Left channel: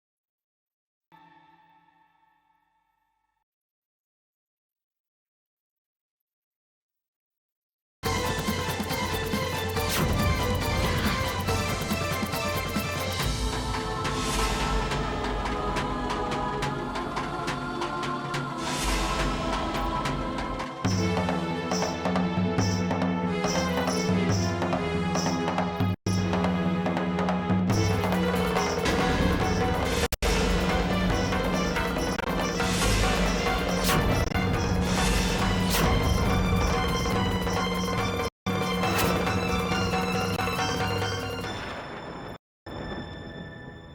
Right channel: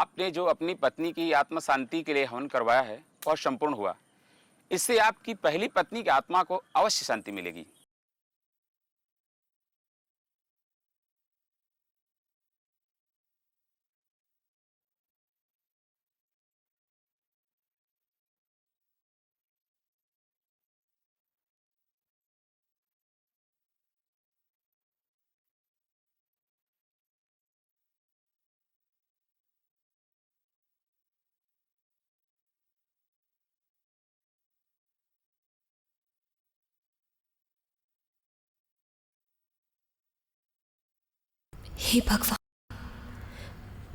आपने जो अपनी पत्नी की आत्मा शांति के लिए हवन करवाया है वह संपूर्ण हुआ। इससे आपकी पहली पत्नी की आत्मा को अवश्य शांति मिलेगी। हे भगवान,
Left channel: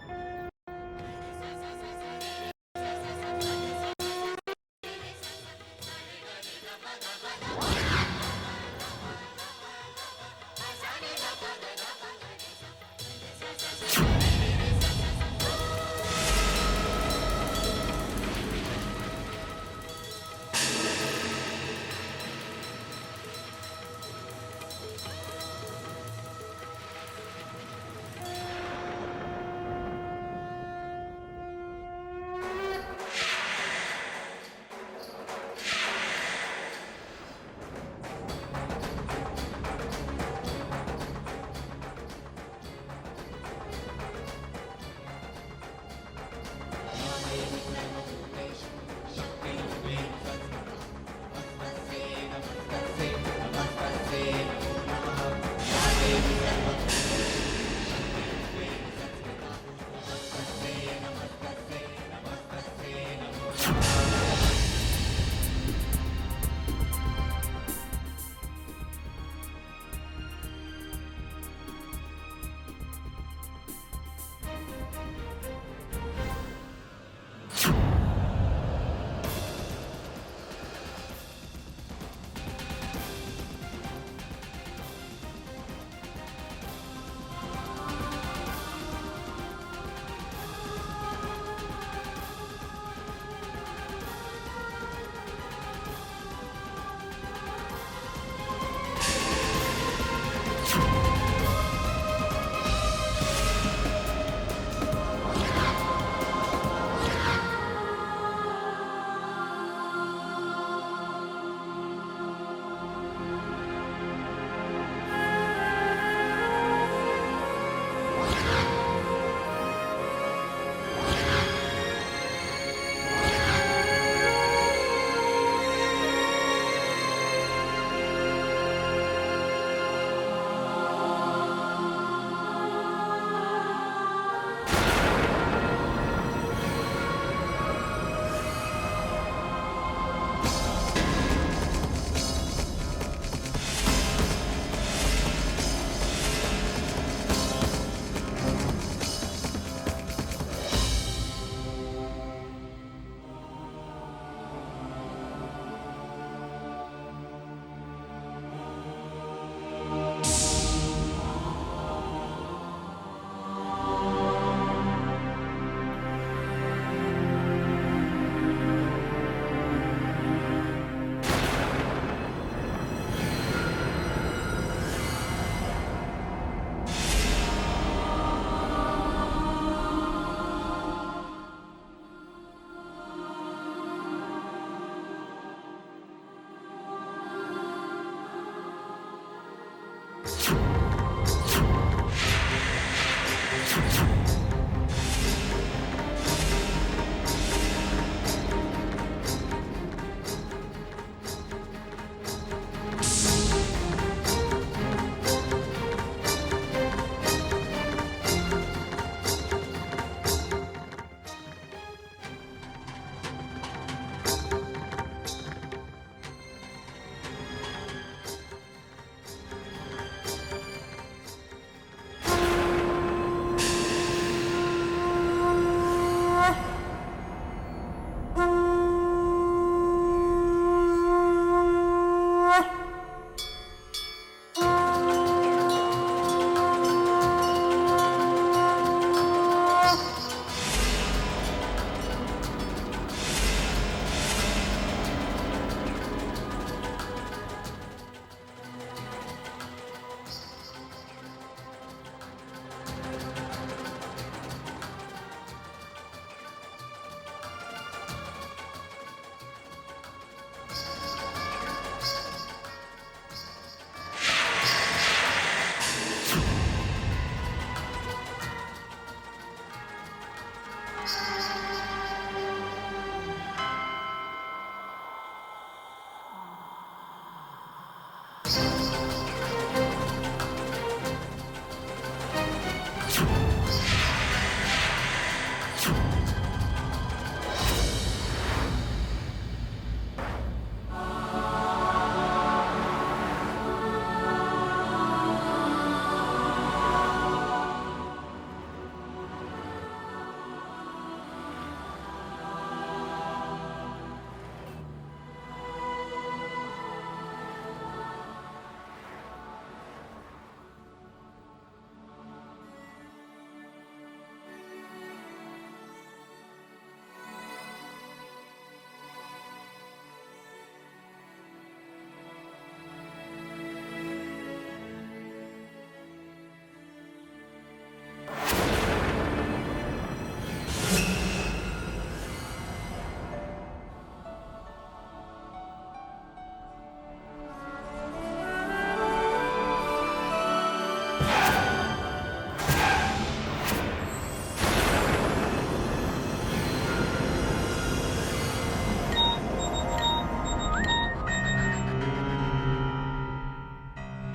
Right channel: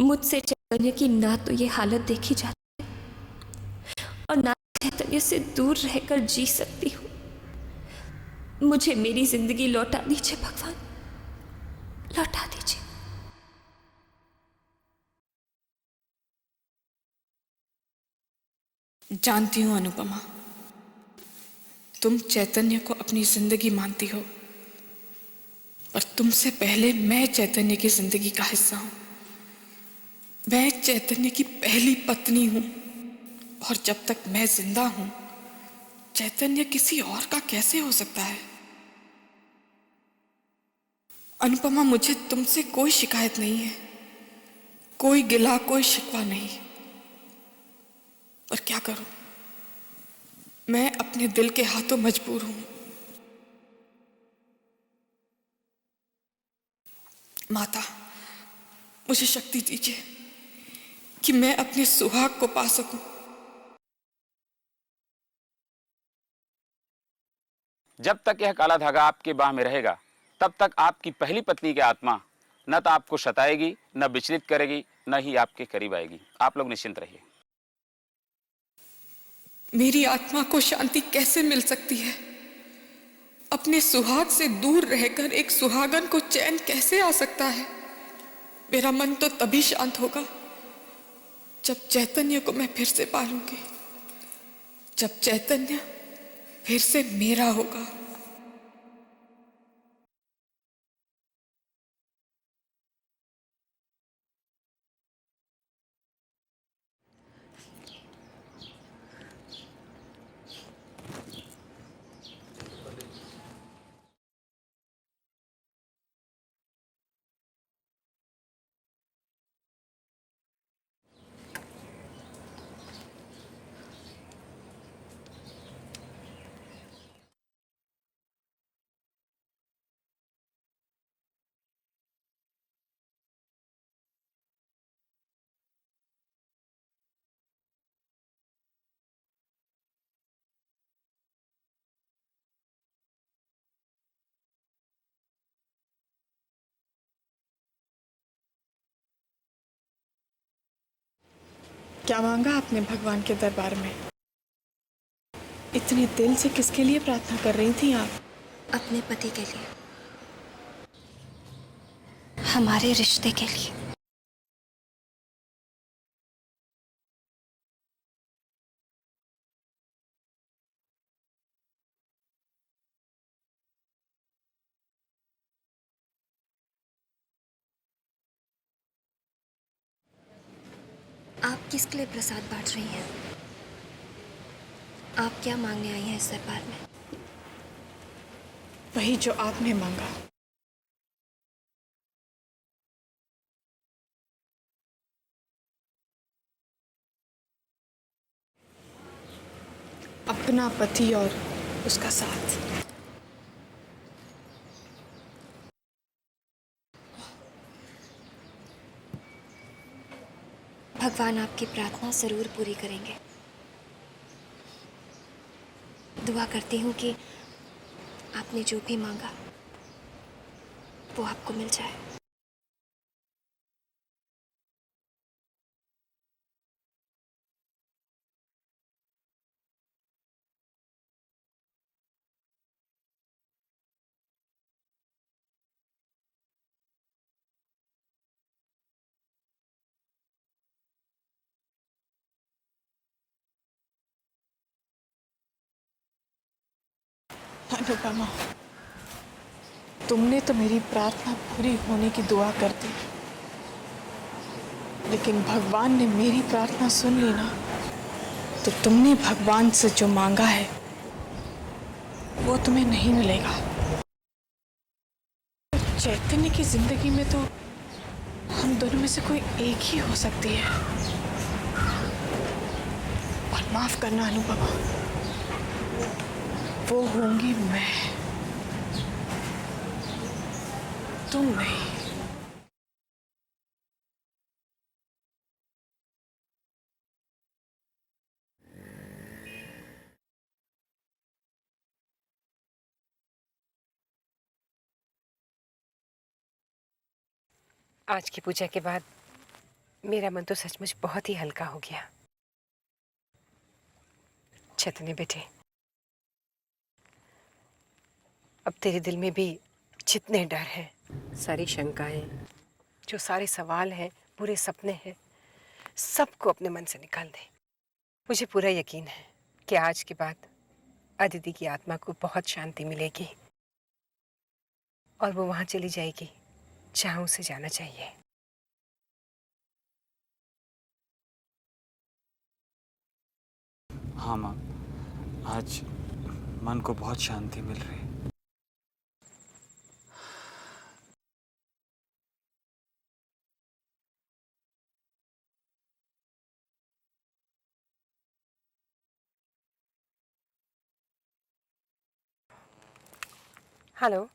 मुझसे चैतन्य की ना तो ये हालत देखी जाती है और ना चैतन्य से दूर रहकर जी सकती हूँ। मुझे मेरी जिंदगी लौटा दीजिए भगवान, लौटा दीजिए। जानती हूँ अनुपमा, तुम चैतन्य को अपनी जिंदगी मानती हो, और तुमसे पहले मैं चैतन्य की जिंदगी का हिस्सा हूं। मैं चैतन्य की पहली पत्नी हूं, और जब तक मैं जिंदा हूं, चैतन्य किसी और का कैसे हो सकता है? अनुपमा, मुझे तुमसे कोई शिकायत नहीं है, कोई गिला, कोई शिकवा नहीं। पर क्या करूं, मैं अपने दिल के हाथों मजबूर हूं। माता, मुझे शक्ति दीजिए कि मैं अपने सुहाग को पा सकूं। जब तक यह काला धागा आपके बाह में रहेगा तब तक आपकी पहली पत्नी की आत्मा न तो आपको सताएगी, न विचलित करेगी, न ही आपके करीब आएगी। आप लोग निश्चिंत रहिए। मेरी आत्मा को शांति कैसे मिल सकती है? अपने सुहाग से दूर रहकर एक सुहागन को चैन कैसे आ सकता है? मेरा मन तो तभी शांत होगा जब चैतन्य को मैं फिर से पालूंगी, जब चैतन्य फिर से मेरा होगा। क्या मांगा आपने भगवान के दरबार में? इतने दिल से किसके लिए प्रार्थना कर रही थी आप? अपने पति के लिए, हमारे रिश्ते के लिए। किसके लिए प्रसाद बांट रही हैं? आप क्या मांगने आई हैं इस दरबार में? वही जो आपने मांगा। अपना पति और उसका साथ। भगवान आपकी प्रार्थना जरूर पूरी करेंगे। दुआ करती हूँ कि आपने जो भी मांगा वो आपको मिल जाए। अनुपमा, तुमने तो मेरी प्रार्थना पूरी होने की दुआ कर दी, लेकिन भगवान ने मेरी प्रार्थना सुन ली ना, तो तुमने भगवान से जो मांगा है वो तुम्हें नहीं मिलेगा। चैतन्य की जिंदगी में तो हम दोनों में से कोई एक ही हो सकती है। और माफ करना अनुपमा, वो होंगी मैं, तुम नहीं। आज की पूजा के बाद मेरा मन तो सचमुच बहुत ही हल्का हो गया। चैतन्य बेटे, अब तेरे दिल में भी जितने डर हैं, सारी शंकाएं, जो सारे सवाल हैं, पूरे सपने हैं, सबको अपने मन से निकाल दे। मुझे पूरा यकीन है कि आज के बाद अदिति की आत्मा को बहुत शांति मिलेगी और वो वहां चली जाएगी जहां उसे जाना चाहिए। हाँ माँ, आज मन को बहुत शांति मिल रही है। हेलो,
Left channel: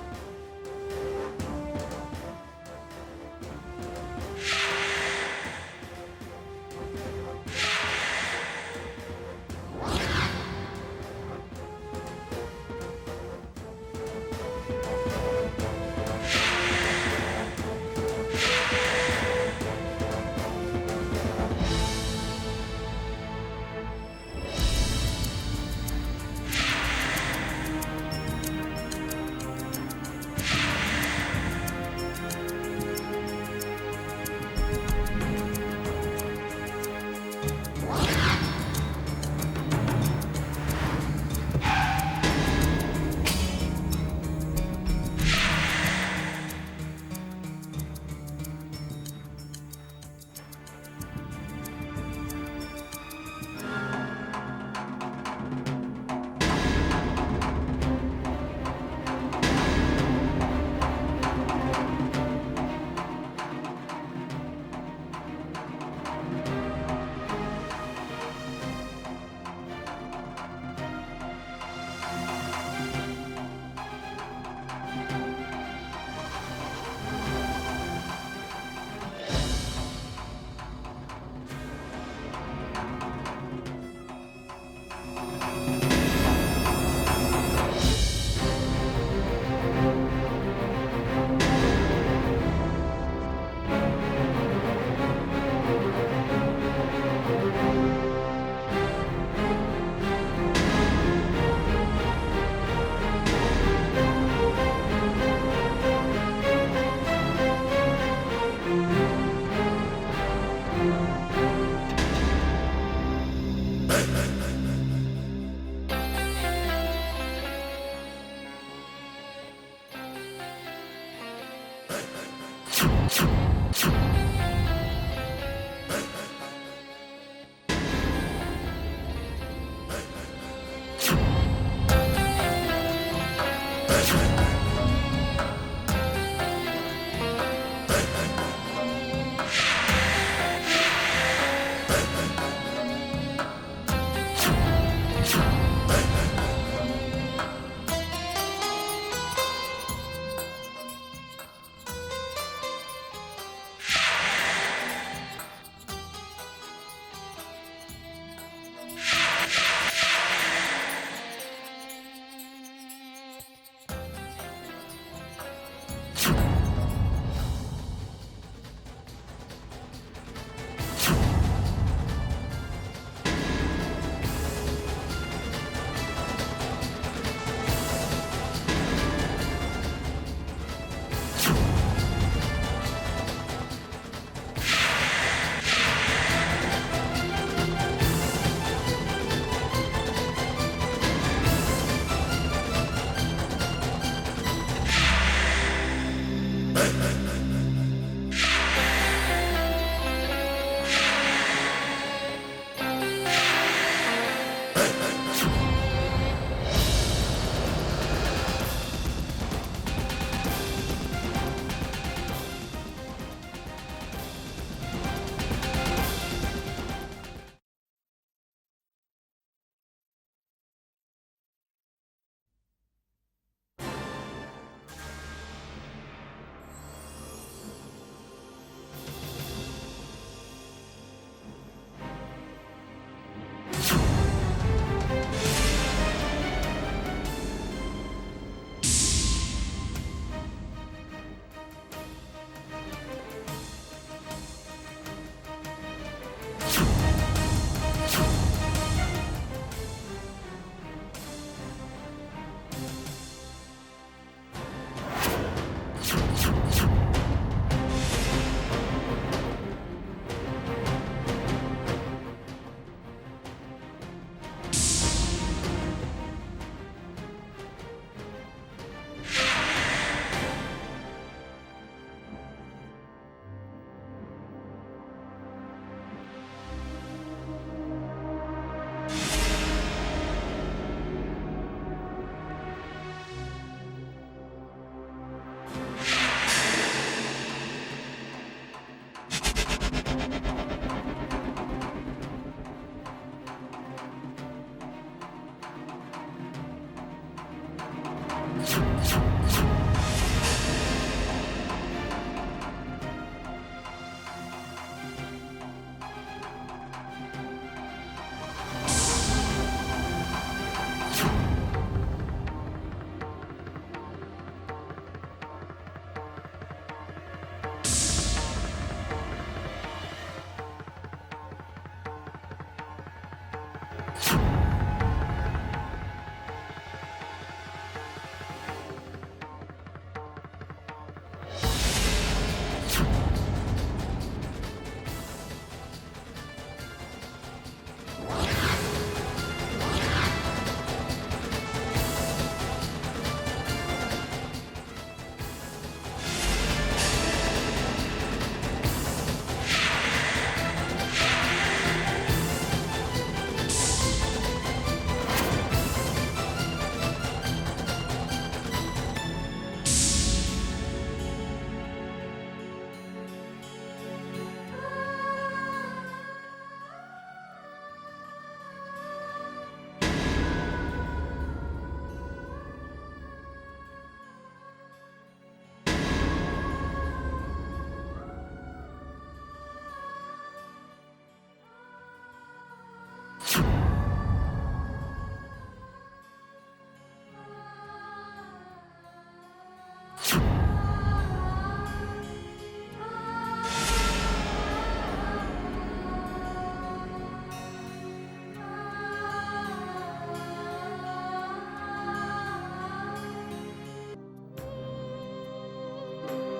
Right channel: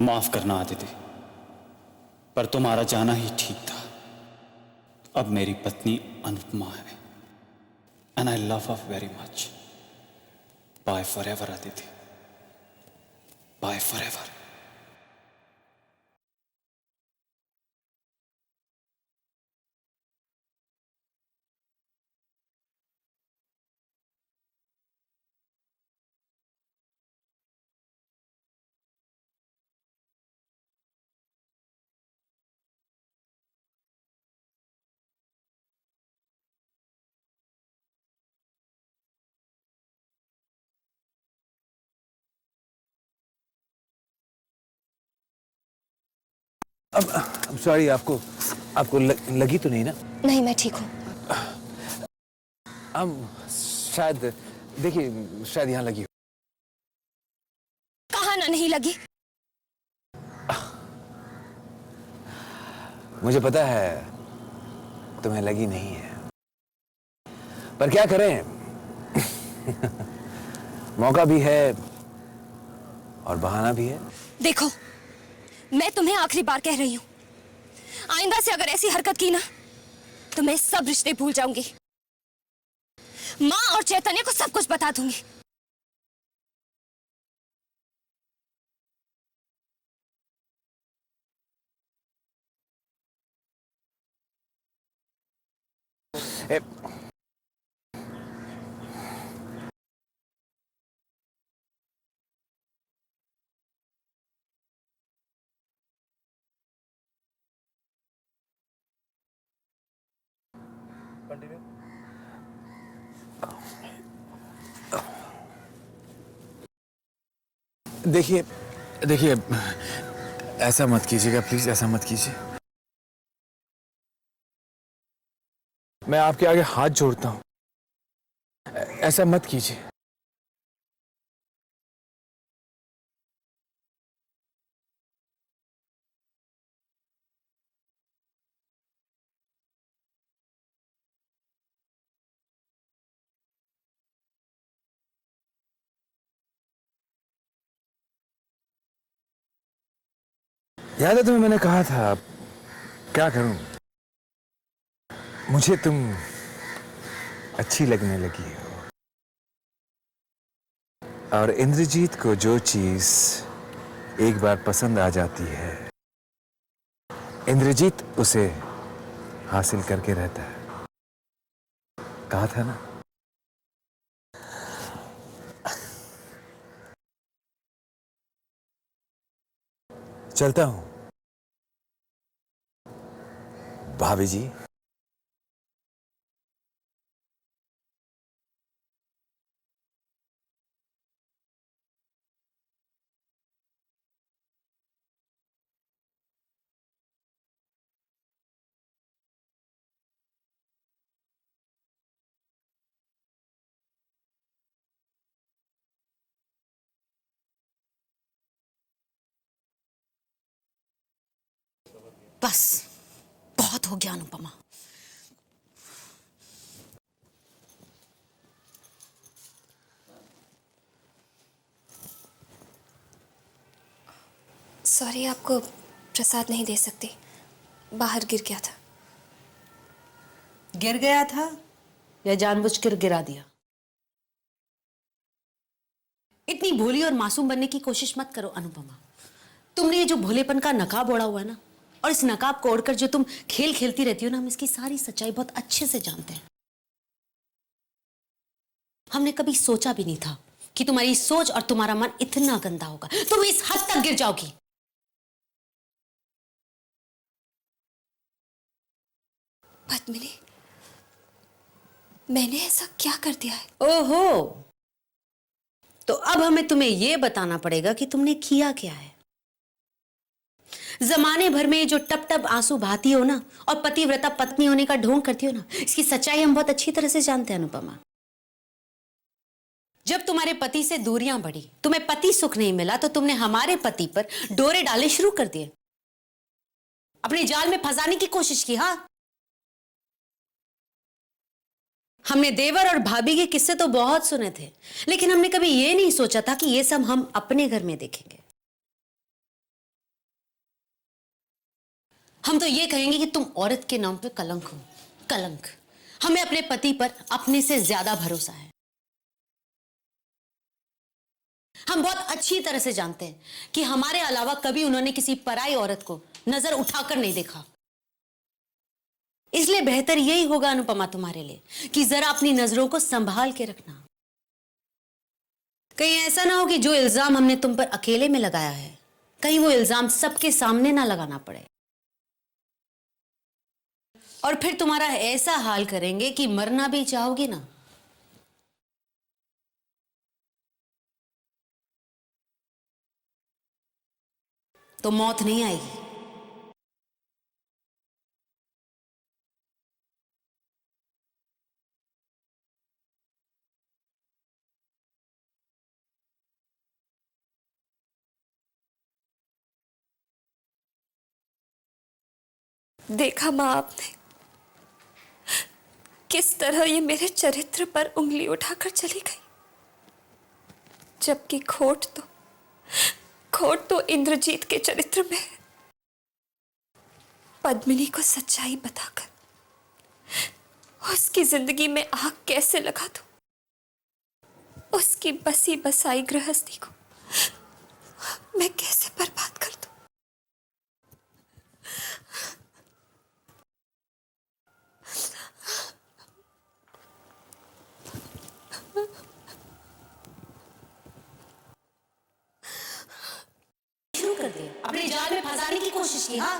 माफ करना आदिति, पर तुम्हारा जाना ही ठीक था। अब मेरी पत्नी अनुपमा है, and I love her very much. Bye forever Aditi, bye forever. अब सॉरी, आपको लगी तो नहीं ना? नहीं, मैं ठीक हूँ। अब शायद, देखिए, शायद यहाँ लगी हो। कहाँ ना नहीं लगी? मुझे पता है तुम्हें लगी नहीं है, पर क्या करें मौका भी है और बहाना भी है। देखो, मैं तुम्हें आखिरी बार कह रही हूँ, आइंदा से अगर ऐसी हरकत की ना तो मैं सब रिश्ते भूल जाऊंगी। माँ और चैतन्य को सब कुछ बता दूंगी। देखिए, ऐसा मत कीजिएगा प्लीज, ऐसा मत कीजिए। मैं आपके आगे हाथ जोड़ता हूं, ऐसा मत कीजिए। याद है तुम्हें मैंने कहा था, क्या करूं, मुझे तुम अच्छी लगने लगी हो। और इंद्रजीत को जो चीज एक बार पसंद आ जाती है, इंद्रजीत उसे हासिल करके रहता है। कहा था ना। चलता हूं भाभी जी। बस बहुत हो गया अनुपमा। सॉरी, आपको प्रसाद नहीं दे सकती, बाहर गिर गया था। गिर गया था या जानबूझकर गिरा दिया? इतनी भोली और मासूम बनने की कोशिश मत करो अनुपमा। तुमने ये जो भोलेपन का नकाब ओढ़ा हुआ है ना, और इस नकाब को ओढ़कर जो तुम खेल खेलती रहती हो ना, हम इसकी सारी सच्चाई बहुत अच्छे से जानते हैं। हमने कभी सोचा भी नहीं था कि तुम्हारी सोच और तुम्हारा मन इतना गंदा होगा, तुम इस हद तक गिर जाओगी। पद्मिनी, मैंने ऐसा क्या कर दिया है? ओहो, तो अब हमें तुम्हें यह बताना पड़ेगा कि तुमने किया क्या है। जमाने भर में जो टप टप आंसू बहाती हो ना, और पतिव्रता पत्नी होने का ढोंग करती हो ना, इसकी सच्चाई हम बहुत अच्छी तरह से जानते हैं अनुपमा। जब तुम्हारे पति से दूरियां बढ़ी, तुम्हें पति सुख नहीं मिला, तो तुमने हमारे पति पर डोरे डाले शुरू कर दिए, अपने जाल में फंसाने की कोशिश की। हाँ, हमने देवर और भाभी के किस्से तो बहुत सुने थे, लेकिन हमने कभी ये नहीं सोचा था कि ये सब हम अपने घर में देखें। हम तो ये कहेंगे कि तुम औरत के नाम पे कलंक हो, कलंक। हमें अपने पति पर अपने से ज्यादा भरोसा है। हम बहुत अच्छी तरह से जानते हैं कि हमारे अलावा कभी उन्होंने किसी पराई औरत को नजर उठाकर नहीं देखा। इसलिए बेहतर यही होगा अनुपमा तुम्हारे लिए कि जरा अपनी नजरों को संभाल के रखना। कहीं ऐसा ना हो कि जो इल्जाम हमने तुम पर अकेले में लगाया है, कहीं वो इल्जाम सबके सामने ना लगाना पड़े, और फिर तुम्हारा ऐसा हाल करेंगे कि मरना भी चाहोगी ना। तो मौत नहीं आएगी। देखा माँ आपने किस तरह ये मेरे चरित्र पर उंगली उठाकर चली गई, जबकि खोट तो इंद्रजीत के चरित्र में है। पद्मिनी को सच्चाई बताकर उसकी जिंदगी में आग कैसे लगा दूं, उसकी बसी बसाई गृहस्थी को मैं कैसे बर्बाद कर दूं। शुरू कर दे, अपने जाल में फंसाने की कोशिश की। हाँ,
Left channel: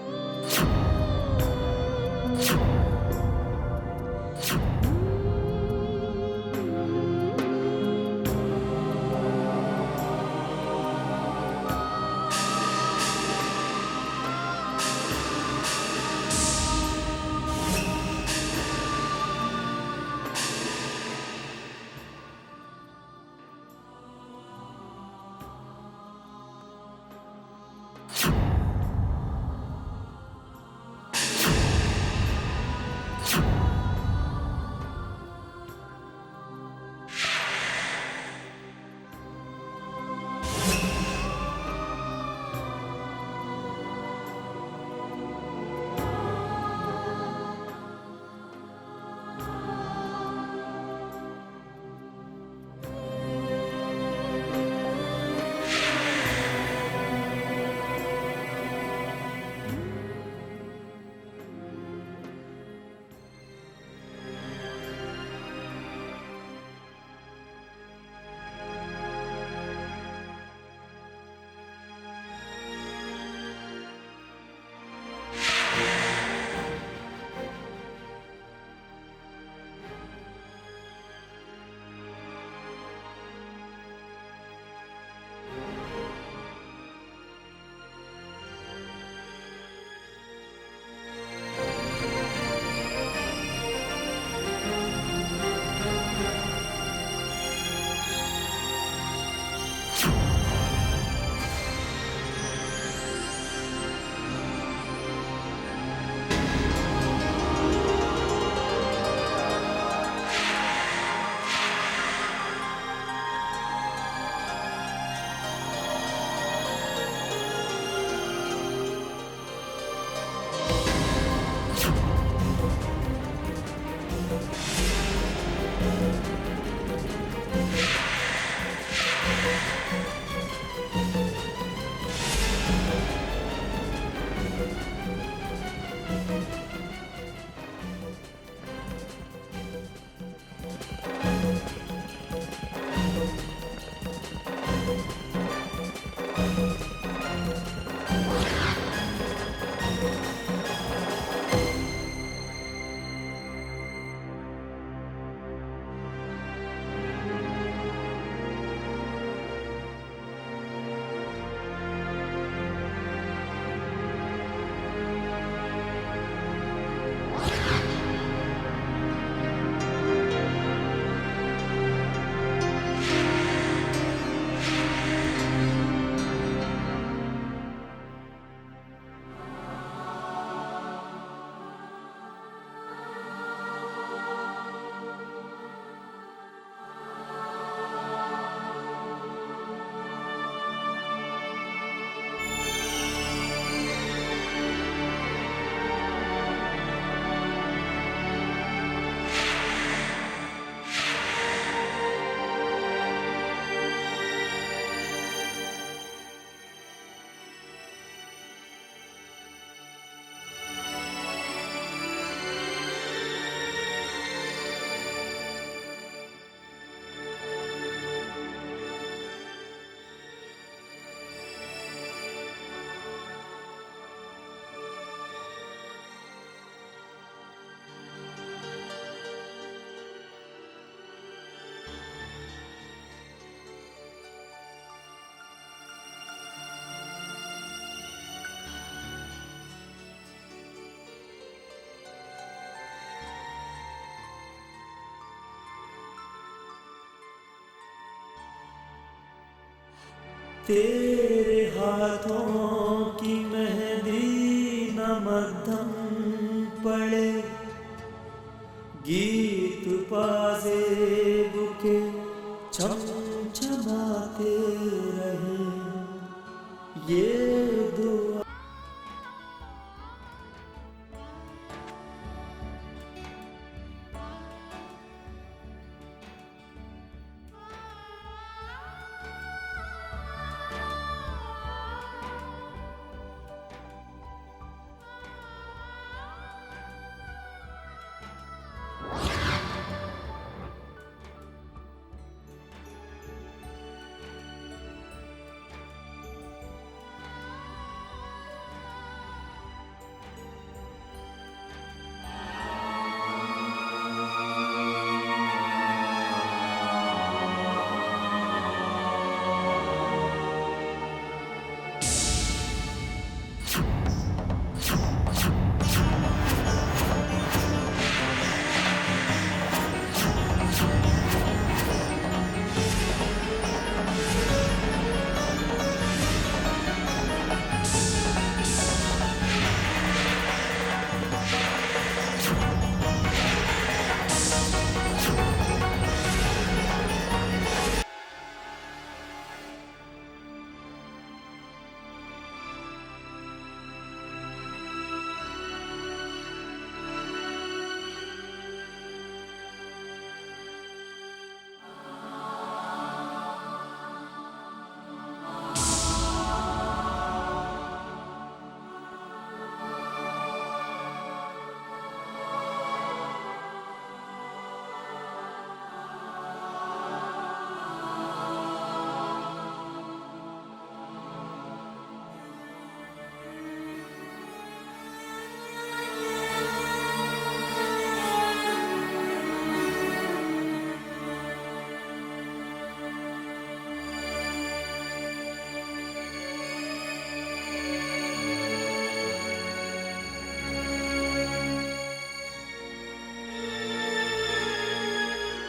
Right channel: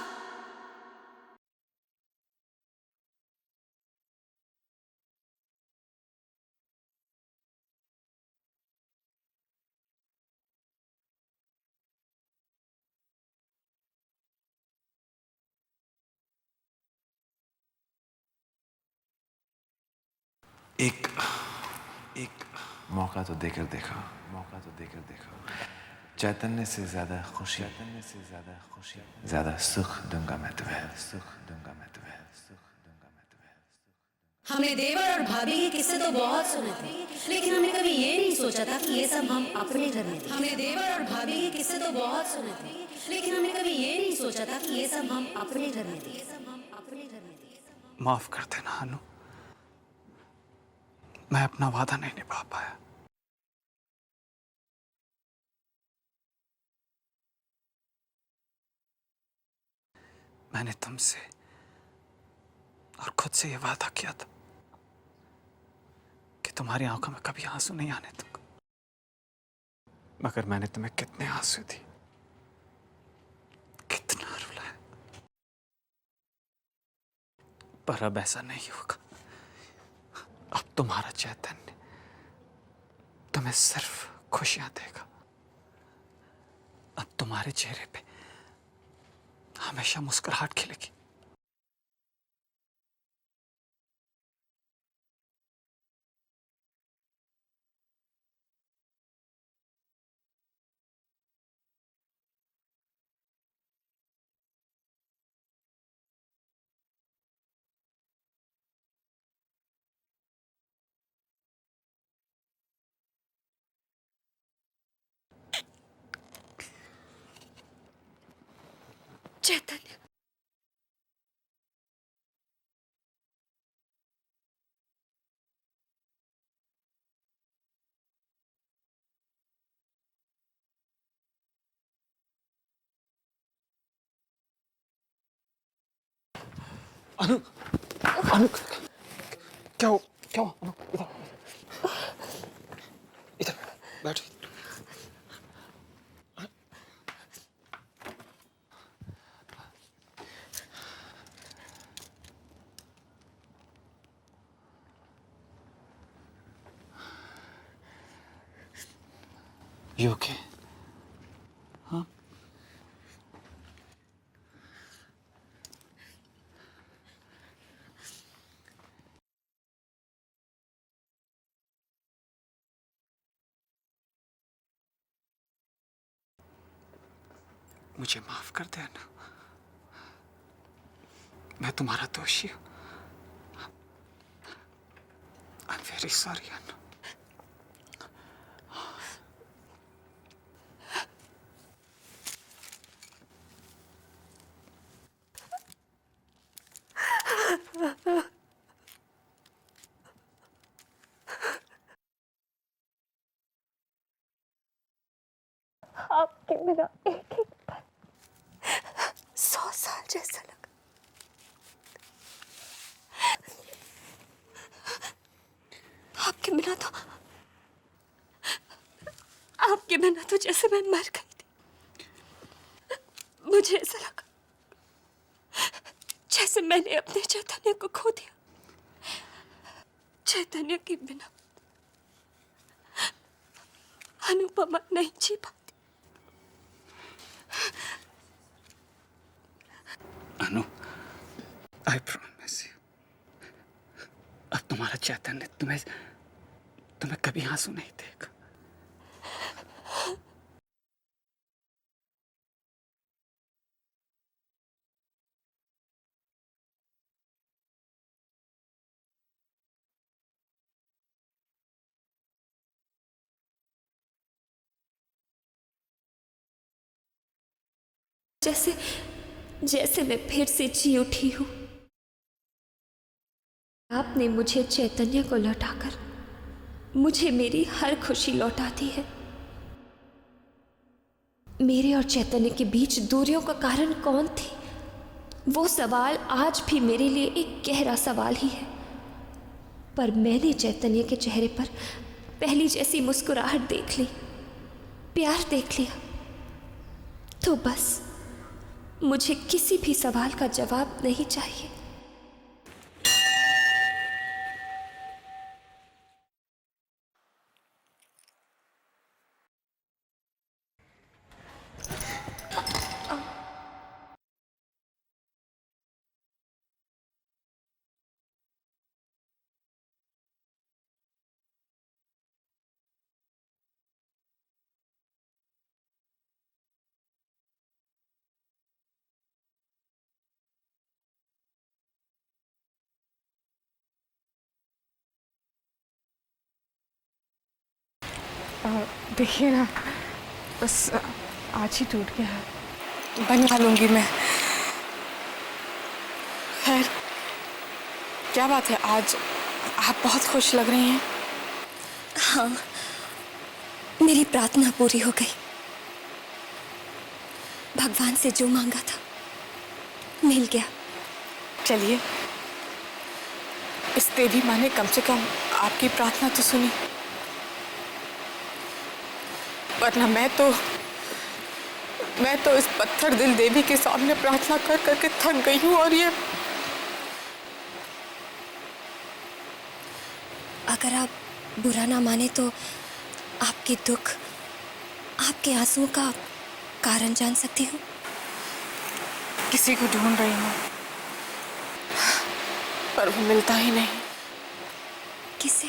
एक मौका तो देकर देखा, चैतन्य से ज्यादा खुशी, ज्यादा सुख दूंगा मैं तुम्हें। हमने देवर और भाभी के किस्से तो बहुत सुने थे, लेकिन हमने कभी ये नहीं सोचा था कि ये सब हम अपने घर में। हमने देवर और भाभी के किस्से तो बहुत सुने थे, लेकिन हमने कभी ये नहीं सोचा था कि ये सब हम अपने घर में करेंगे। माफ कर देना अनु, मैं अपना वादा नहीं निभा पाया। मैंने तुमसे और खुद से ये वादा किया था कि तुम्हारी आंखों में कभी आंसू नहीं आने दूंगा, मगर मैंने तुम्हें कितने आंसू दिए, कितना रुलाया। पर अब ऐसा नहीं होगा। अब तुम्हारा चैतन्य तुम्हें सिर्फ खुशियां देगा। अब तुम्हारे चेहरे पे हमेशा मुस्कुराहट खिलेगी। चेतन, अनु, अनु, क्या हो? क्या हो? इधर बैठ। You okay? मुझे माफ कर दे अन्ना, मैं तुम्हारा दोषी हूं। I'm very sorry अन्ना। आपके बिना एक एक पल 100 साल जैसा आपके बिना तो जैसे मैं मर गई। मुझे ऐसा लगा जैसे मैंने अपने चैतन्य को खो दिया। चैतन्य के बिना अनुपमा नहीं जी पाती। अनु, I promise you, अब तुम्हारा चैतन्य तुम्हें कभी आंसू नहीं देगा। तेरे हाथों की मेहंदी न मध्यम पड़े, गीत पाजेब के चमचमाते रहे, ये दुआ। जैसे मैं फिर से जी उठी हूं। आपने मुझे चैतन्य को लौटाकर मुझे मेरी हर खुशी लौटा दी है। मेरे और चैतन्य के बीच दूरियों का कारण कौन थी? वो सवाल आज भी मेरे लिए एक गहरा सवाल ही है। पर मैंने चैतन्य के चेहरे पर पहली जैसी मुस्कुराहट देख ली, प्यार देख लिया। तो बस मुझे किसी भी सवाल का जवाब नहीं चाहिए। देखिए ना, बस आज ही टूट गया है। बनवा लूंगी मैं। खैर, क्या बात है, आज आप बहुत खुश लग रही हैं। हाँ, मेरी प्रार्थना पूरी हो गई। भगवान से जो मांगा था मिल गया। चलिए, इस देवी माँ ने कम से कम आपकी प्रार्थना तो सुनी, वरना मैं तो इस पत्थर दिल देवी के सामने प्रार्थना कर करके थक गई हूँ। और ये अगर आप बुरा ना माने तो आपके दुख, आपके आंसुओं का कारण जान सकती हूँ। किसी को ढूंढ रही हूँ, पर वो मिलता ही नहीं। किसे?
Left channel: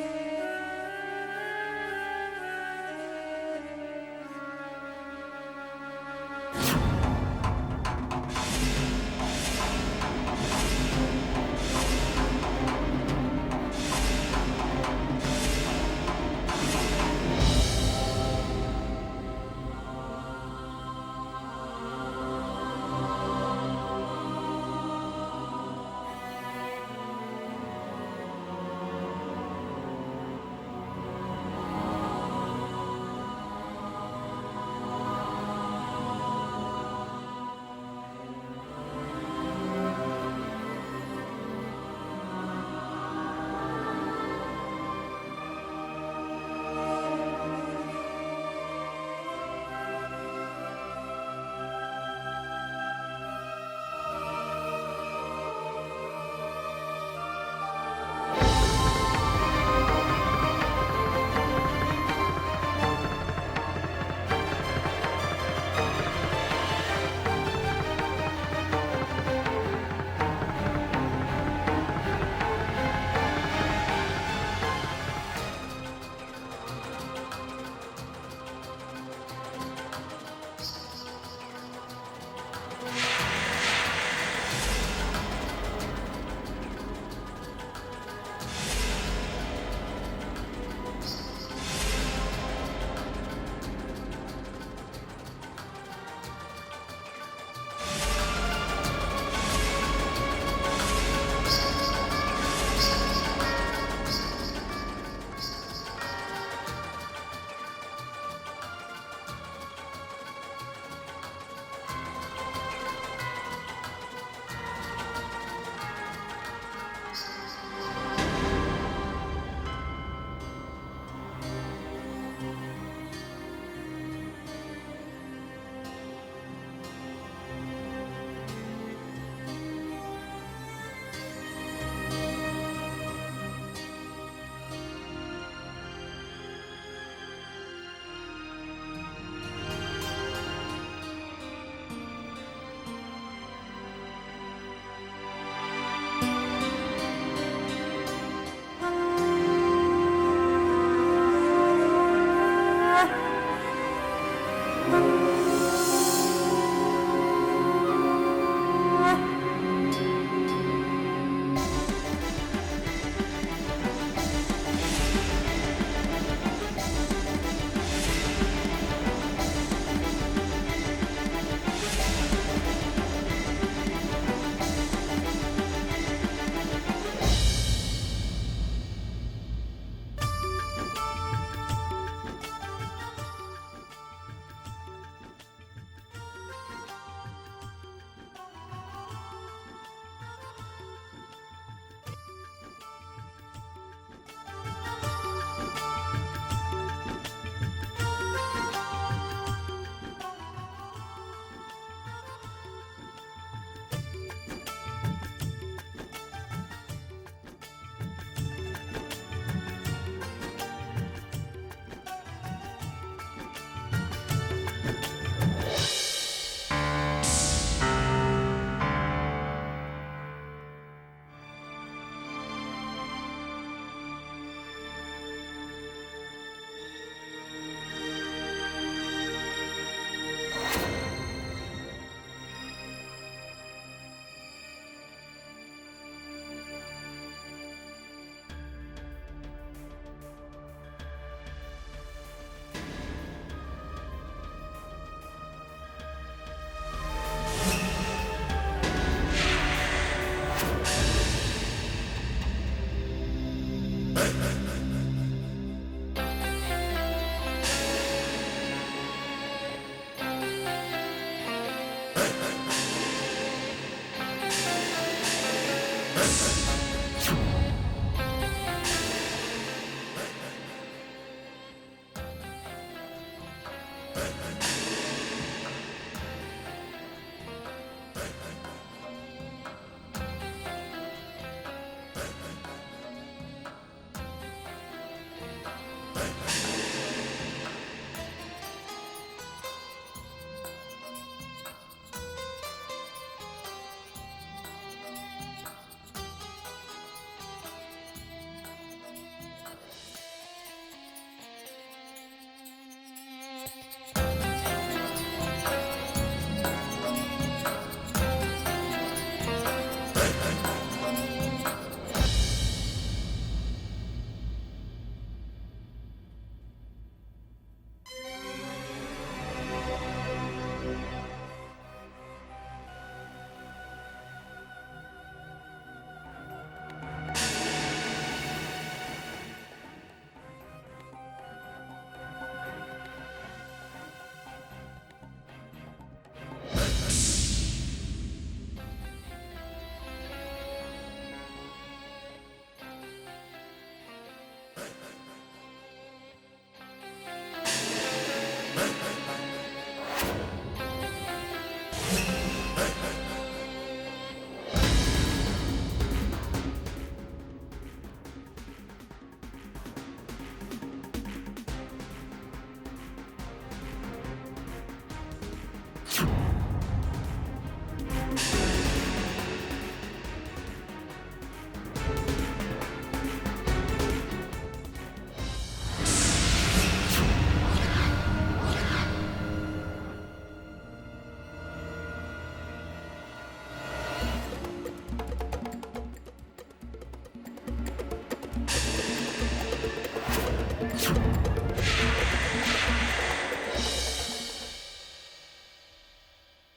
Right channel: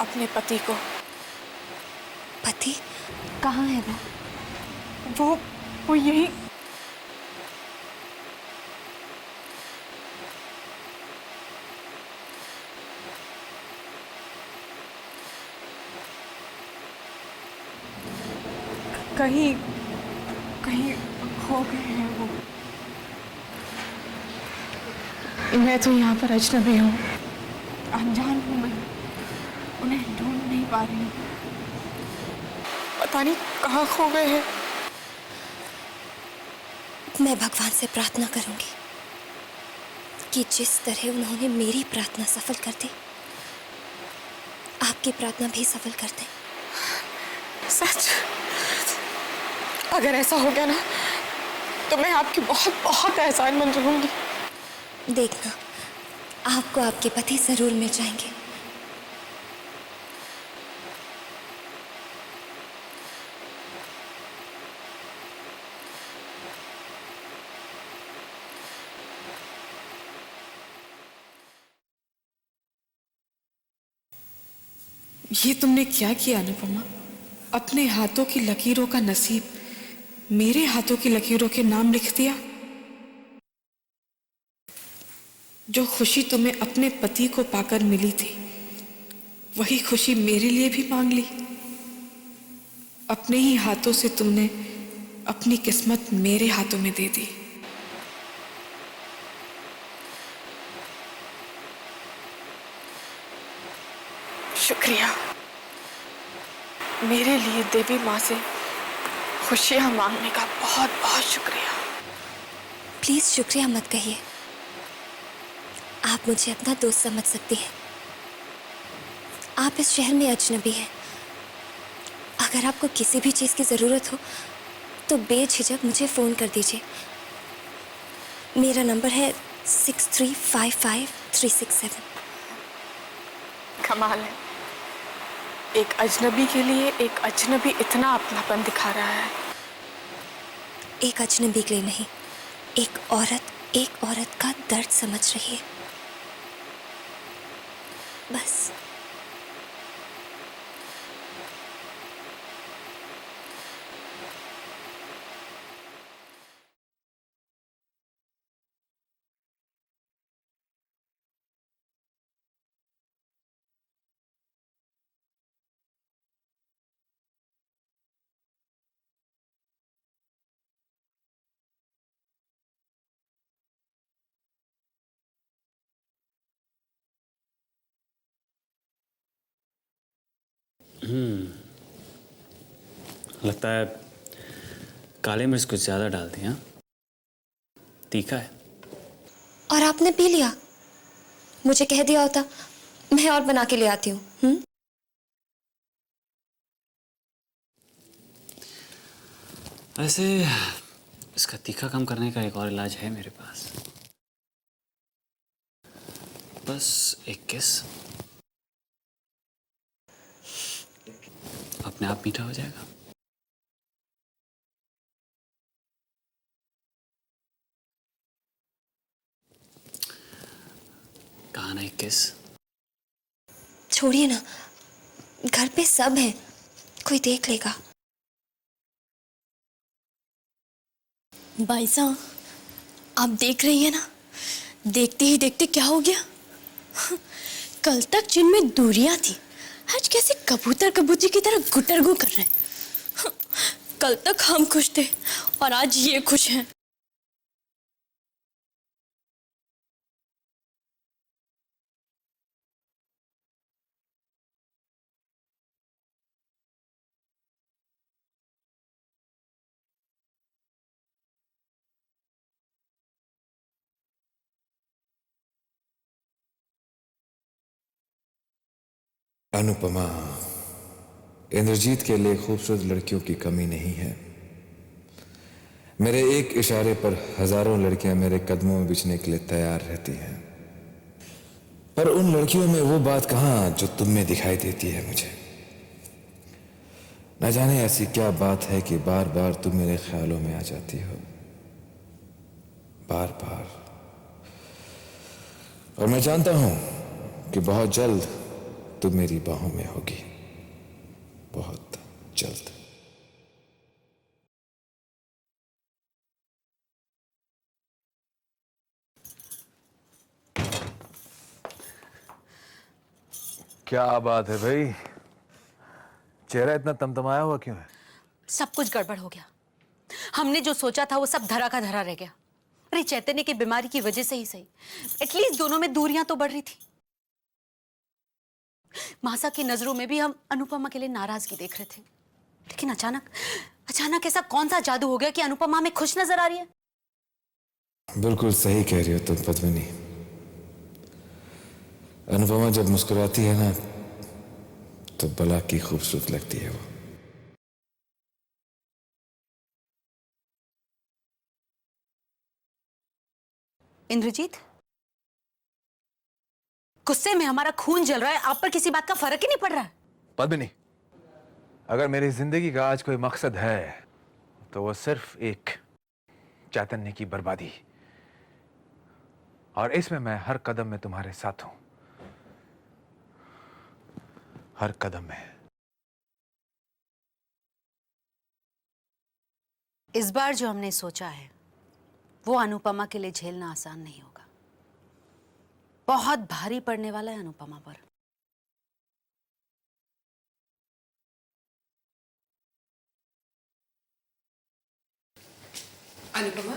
अपने पति को। पति कहाँ है वो यही। कहीं हो गए हैं वो। मैं तो यहाँ पर अजनबी हूँ, अनजान हूँ मैं, उन्हें ढूंढ नहीं पा रही हूँ। पता नहीं कहाँ खो गए हैं। मैं भगवान से प्रार्थना करूंगी कि जिस तरह उन्होंने मेरी प्रार्थना सफल कर दी, आपकी प्रार्थना भी सफल कर दे। सच? अगर ऐसा हो गया ना, तो मैं आपकी बहुत बहुत एहसानमंद रहूंगी। देखना, आपको आपके पति जरूर मिल जाएंगे। ये तुमने क्या किया अनुपमा? अपने हाथों की लकीरों का नसीब मेरे हाथों की लकीरों के नाम लिख दिया। जो खुशी तुम्हें अपने पति को पाकर मिली थी, वही खुशी मेरे लिए भी मांग ली। अपने ही हाथों से तुमने अपनी किस्मत मेरे हाथों में दे दी। शुक्रिया। मेरे लिए देवी माँ से खुशियाँ मांगने का बहुत बहुत शुक्रिया। प्लीज शुक्रिया मत कहिए। आप मुझे अपना दोस्त समझ सकती हैं। आप इस शहर में अजनबी हैं। अगर आपको किसी भी चीज़ की ज़रूरत हो तो बेझिझक मुझे फ़ोन कर दीजिए। मेरा नंबर है 6355-367। कमाल है, एक अजनबी के लिए एक अजनबी इतना अपनापन दिखा रहा है। एक अजनबी के लिए नहीं, एक औरत का दर्द समझ रही है। बस। लगता है काली मिर्च कुछ ज्यादा डाल दी। हाँ, तीखा है। और आपने पी लिया। मुझे कह दिया होता, मैं और बना के ले आती हूँ। ऐसे इसका तीखा कम करने का एक और इलाज है मेरे पास। बस एक किस, अपने आप मीठा हो जाएगा। कहा ना एक किस? छोड़िए ना, घर पे सब है, कोई देख लेगा। भाई साहब, आप देख रही हैं ना, देखते ही देखते क्या हो गया। कल तक जिनमें दूरियां थी, आज कैसे कबूतर कबूतरी की तरह गुटरगू कर रहे हैं। कल तक हम खुश थे और आज ये खुश हैं। अनुपमा, इंद्रजीत के लिए खूबसूरत लड़कियों की कमी नहीं है। मेरे एक इशारे पर हजारों लड़कियां मेरे कदमों में बिछने के लिए तैयार रहती हैं, पर उन लड़कियों में वो बात कहाँ जो तुम में दिखाई देती है मुझे। न जाने ऐसी क्या बात है कि बार बार तुम मेरे ख्यालों में आ जाती हो, बार बार। और मैं जानता हूं कि बहुत जल्द तुम मेरी बाहों में होगी, बहुत जल्द। क्या बात है भाई, चेहरा इतना तमतमाया हुआ क्यों है? सब कुछ गड़बड़ हो गया। हमने जो सोचा था वो सब धरा का धरा रह गया। अरे चैतन्य की बीमारी की वजह से ही सही, एटलीस्ट दोनों में दूरियां तो बढ़ रही थी। मासा की नजरों में भी हम अनुपमा के लिए नाराजगी देख रहे थे, लेकिन अचानक ऐसा कौन सा जादू हो गया कि अनुपमा में खुश नजर आ रही है। बिल्कुल सही कह रही हो तुम पद्मिनी। अनुपमा जब मुस्कुराती है ना तो बला की खूबसूरत लगती है वो। इंद्रजीत, गुस्से में हमारा खून जल रहा है, आप पर किसी बात का फर्क ही नहीं पड़ रहा। पद्मिनी, अगर मेरी जिंदगी का आज कोई मकसद है तो वो सिर्फ एक चैतन्य की बर्बादी, और इसमें मैं हर कदम में तुम्हारे साथ हूं, हर कदम में। इस बार जो हमने सोचा है वो अनुपमा के लिए झेलना आसान है, बहुत भारी पड़ने वाला है अनुपमा। अनुपमा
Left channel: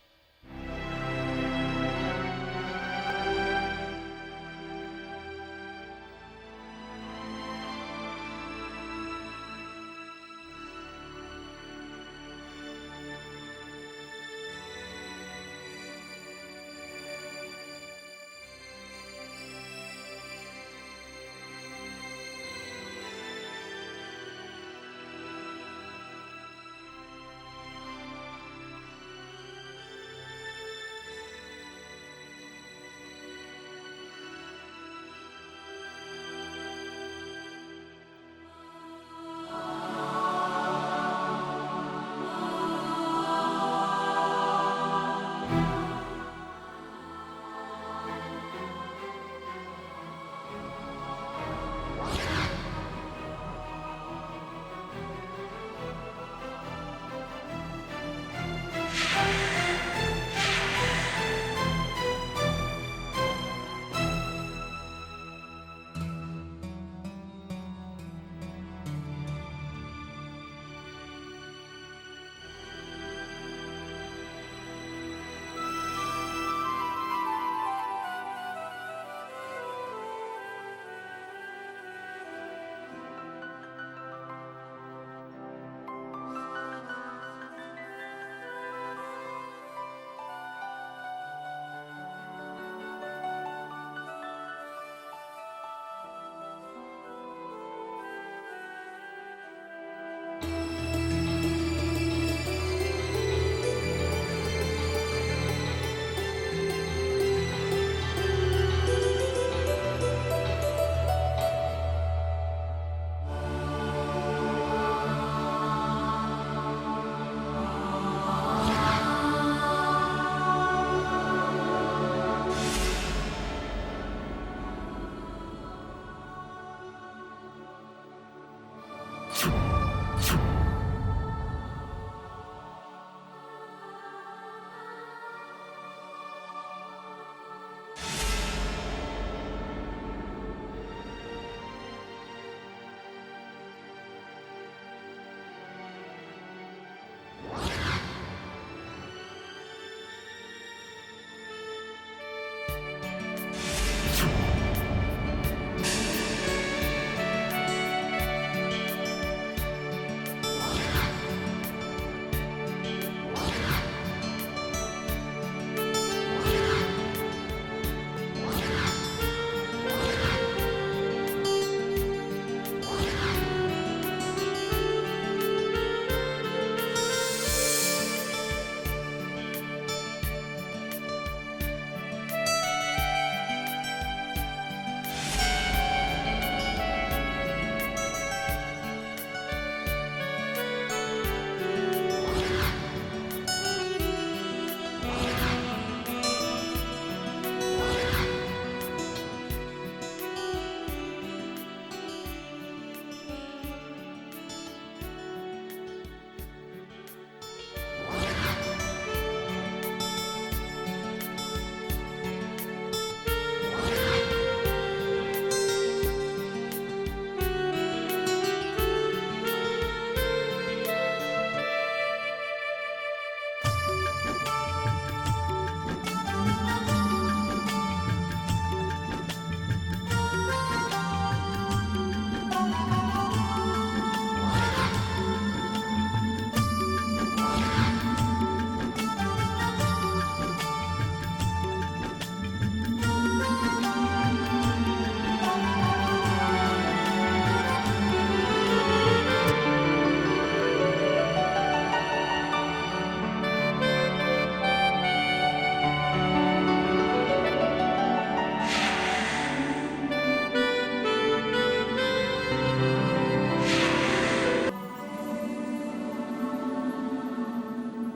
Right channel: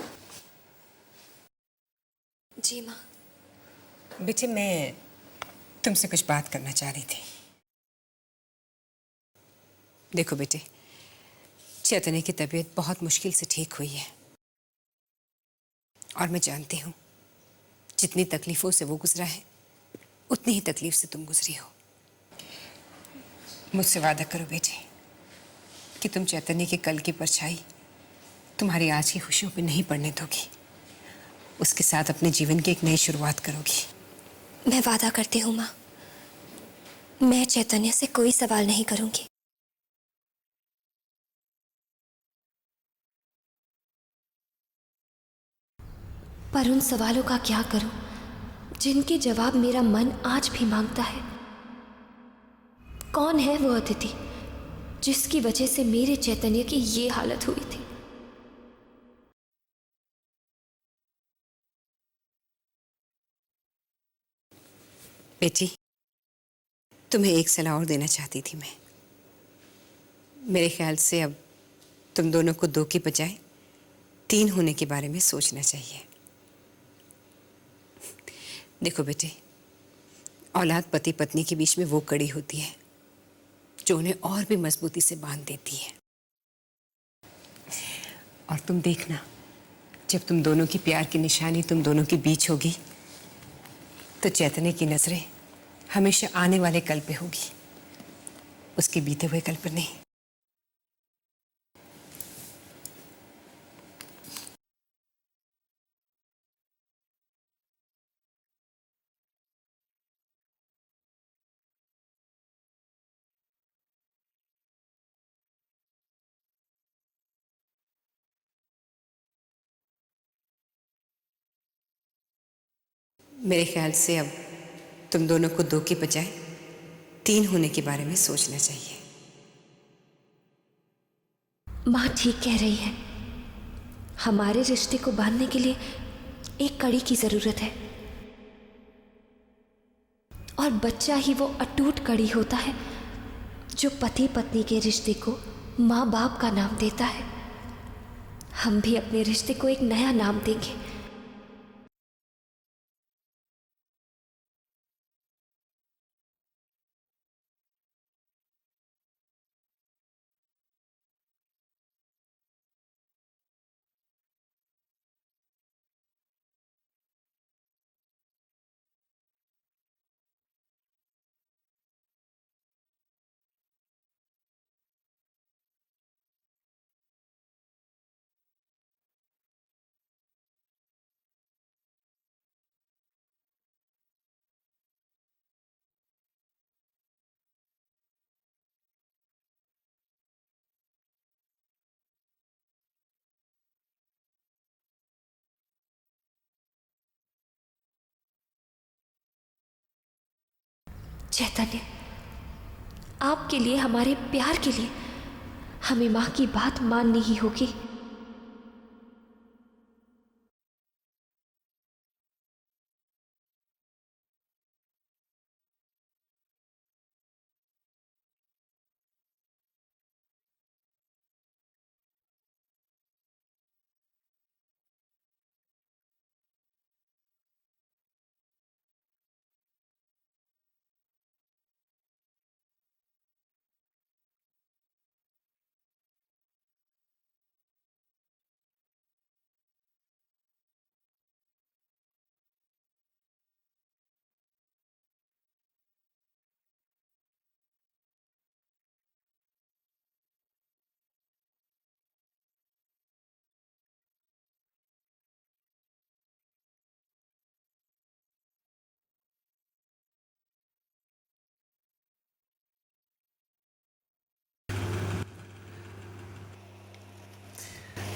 जी बेटे, मैं तुमसे कुछ बात करना चाह रही थी। देखो बेटे, चैतन्य की तबीयत बहुत मुश्किल से ठीक हुई है, और मैं जानती हूँ जितनी तकलीफों से वो गुजरा है उतनी ही तकलीफ से तुम गुजरी हो। मुझसे वादा करो बेटे कि तुम चैतन्य के कल की परछाई तुम्हारी आज की खुशियों पे नहीं पड़ने दोगी, उसके साथ अपने जीवन की एक नई शुरुआत करोगी। मैं वादा करती हूँ माँ, मैं चैतन्य से कोई सवाल नहीं करूंगी। पर उन सवालों का क्या करूं जिनके जवाब मेरा मन आज भी मांगता है। कौन है वो अतिथि जिसकी वजह से मेरे चैतन्य की ये हालत हुई थी? बेटी, तुम्हें एक सलाह और देना चाहती थी मैं। मेरे ख्याल से अब तुम दोनों को 2 की बजाय 3 होने के बारे में सोचना चाहिए। देखो बेटे, औलाद पति पत्नी के बीच में वो कड़ी होती है जो उन्हें और भी मजबूती से बांध देती है। और तुम देखना, जब तुम दोनों की प्यार की निशानी तुम दोनों के बीच होगी तो चैतन्य की नजरें हमेशा आने वाले कल पे होगी, उसके बीते हुए कल पर नहीं। मेरे ख्याल से अब तुम दोनों को 2 की बजाय 3 होने के बारे में सोचना चाहिए। माँ ठीक कह रही है, हमारे रिश्ते को बांधने के लिए एक कड़ी की जरूरत है, और बच्चा ही वो अटूट कड़ी होता है जो पति पत्नी के रिश्ते को माँ बाप का नाम देता है, हम भी अपने रिश्ते को एक नया नाम देंगे। चैतन्य, आपके लिए, हमारे प्यार के लिए हमें माँ की बात माननी ही होगी।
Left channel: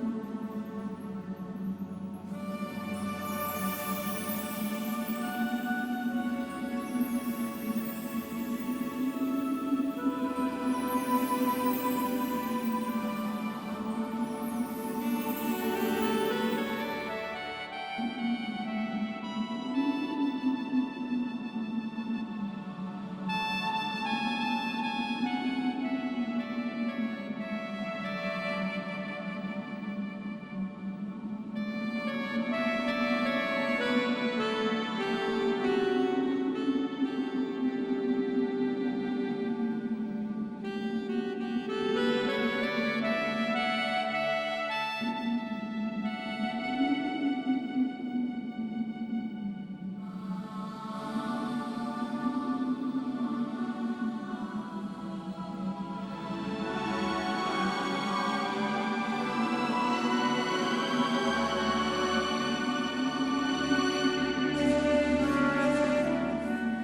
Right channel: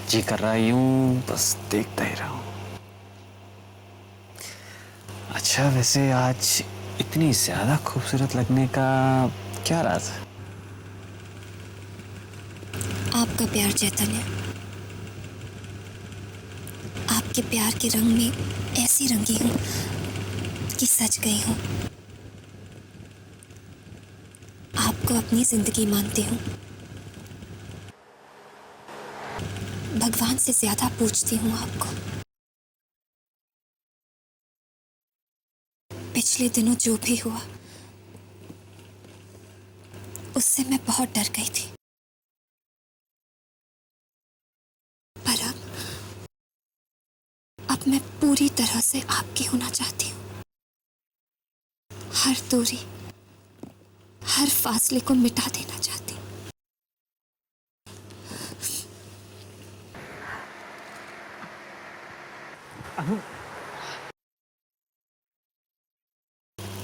जी कर रहा यूं बस देखता ही रहूं। अच्छा, वैसे आज इतनी ज्यादा खूबसूरत लगने का क्या राज है? आपका प्यार चैतन्य, आपके प्यार के रंग में ऐसी रंगी हूँ कि सज गई हूँ। आपको अपनी जिंदगी मानती हूँ, भगवान से ज्यादा पूछती हूँ आपको। पिछले दिनों जो भी हुआ उससे मैं बहुत डर गई थी, पर अब मैं पूरी तरह से आपकी होना चाहती हूँ। हर दूरी, हर फासले को मिटा देना चाहती हूँ।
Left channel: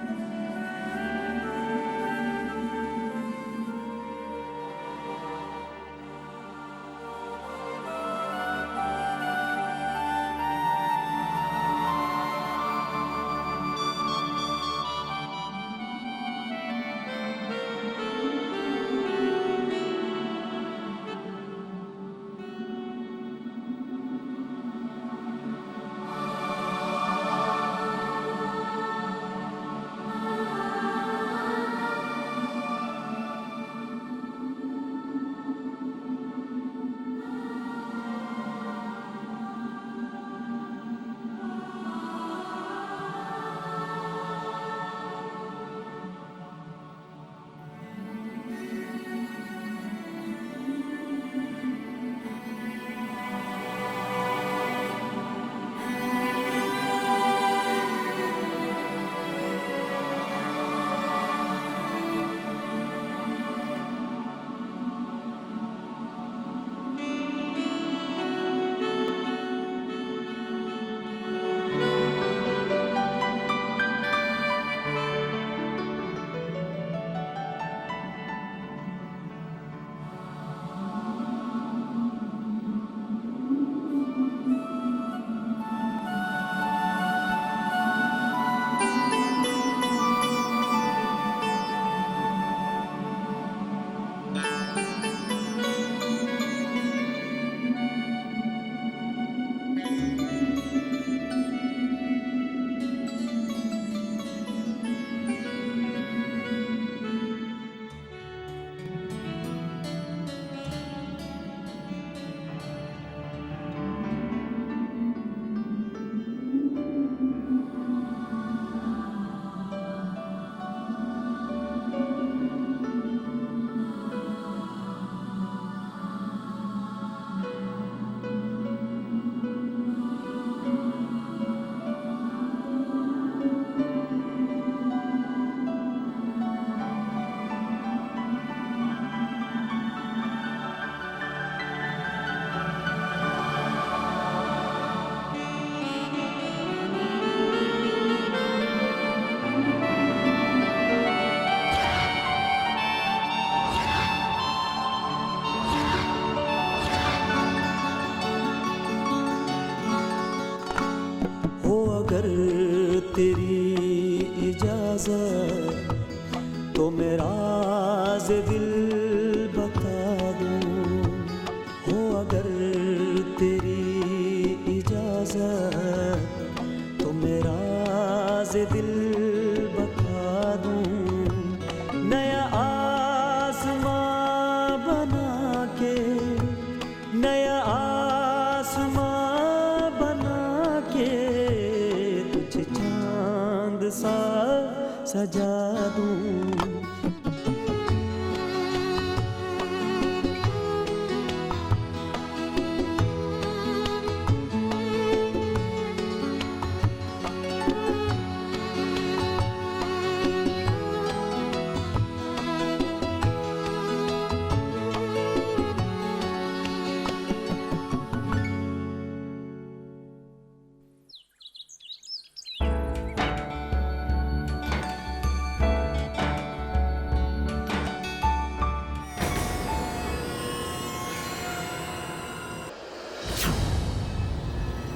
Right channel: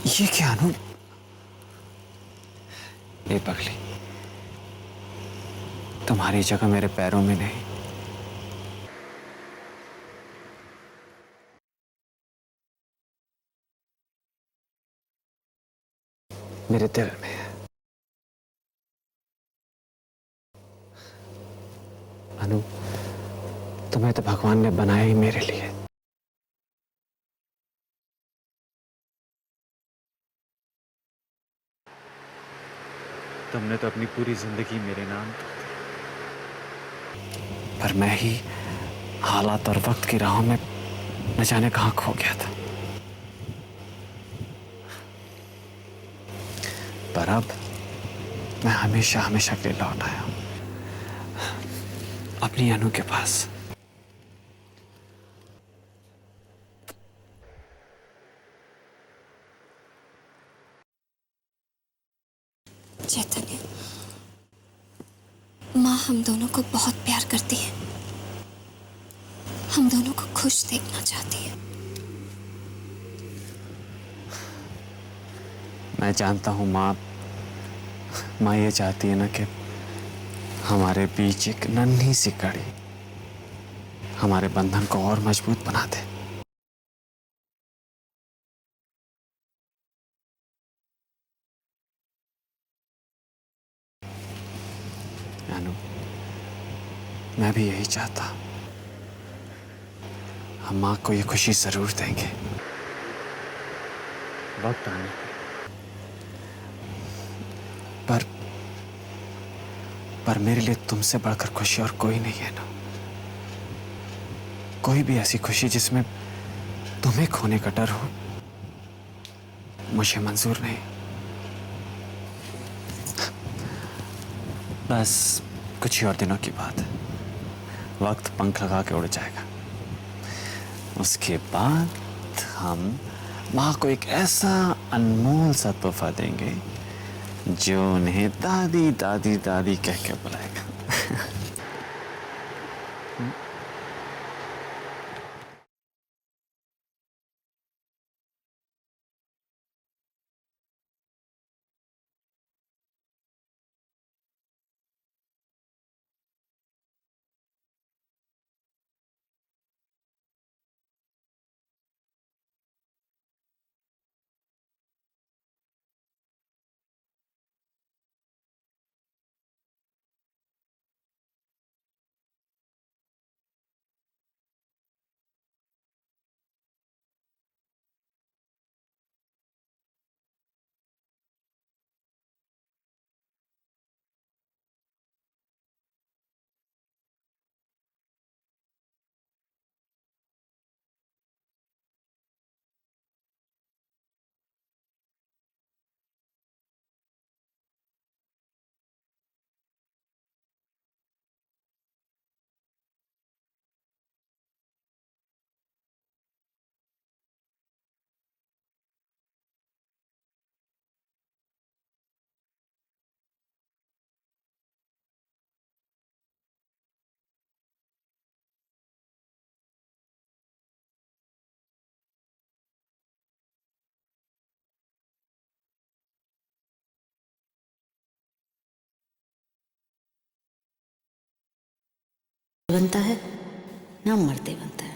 ये क्या अनु? ये पगली, तुम्हारी जगह मेरे पैरों में नहीं, मेरे दिल में है। अनु, तुम्हें तो भगवान ने बनाया ही मेरे लिए। तुमने तो अपनी पूरी जिंदगी मेरे नाम, पर मैं ही हालात और वक्त की राहों में न जाने कहां खो गया था। पर अब मैं हमेशा हमेशा के लिए लौट आया हूं अपनी अनु के पास। चैतन्य, माँ हम दोनों को बहुत प्यार करती है, हम दोनों को खुश देखना चाहती है। मैं जानता हूँ माँ ये चाहती है ना कि हमारे बीच एक नन्ही सी कड़ी हमारे बंधन को और मजबूत बना दे। मैं भी यही चाहता। हम माँ को ये खुशी जरूर देंगे। वक्त आने पर पर मेरे लिए तुमसे बढ़कर खुशी और कोई नहीं है ना। कोई भी ऐसी खुशी जिसमें तुम्हें खोने का डर हो मुझे मंजूर नहीं। बस कुछ ही और दिनों की बात है, वक्त पंख लगा के उड़ जाएगा। उसके बाद हम माँ को एक ऐसा अनमोल सा तोहफा देंगे जो उन्हें दादी दादी दादी कह के बुलाएगा। हो अगर तेरी इजाजत तो मेरा राज़ दिल बता दूं। हो अगर तेरी इजाजत तो मेरा राज़ दिल बता दूं। नया आसमां बना के, नया आसमां बना के तुझे चांद सा सजा दूं। बनता है ना मरते बनता है।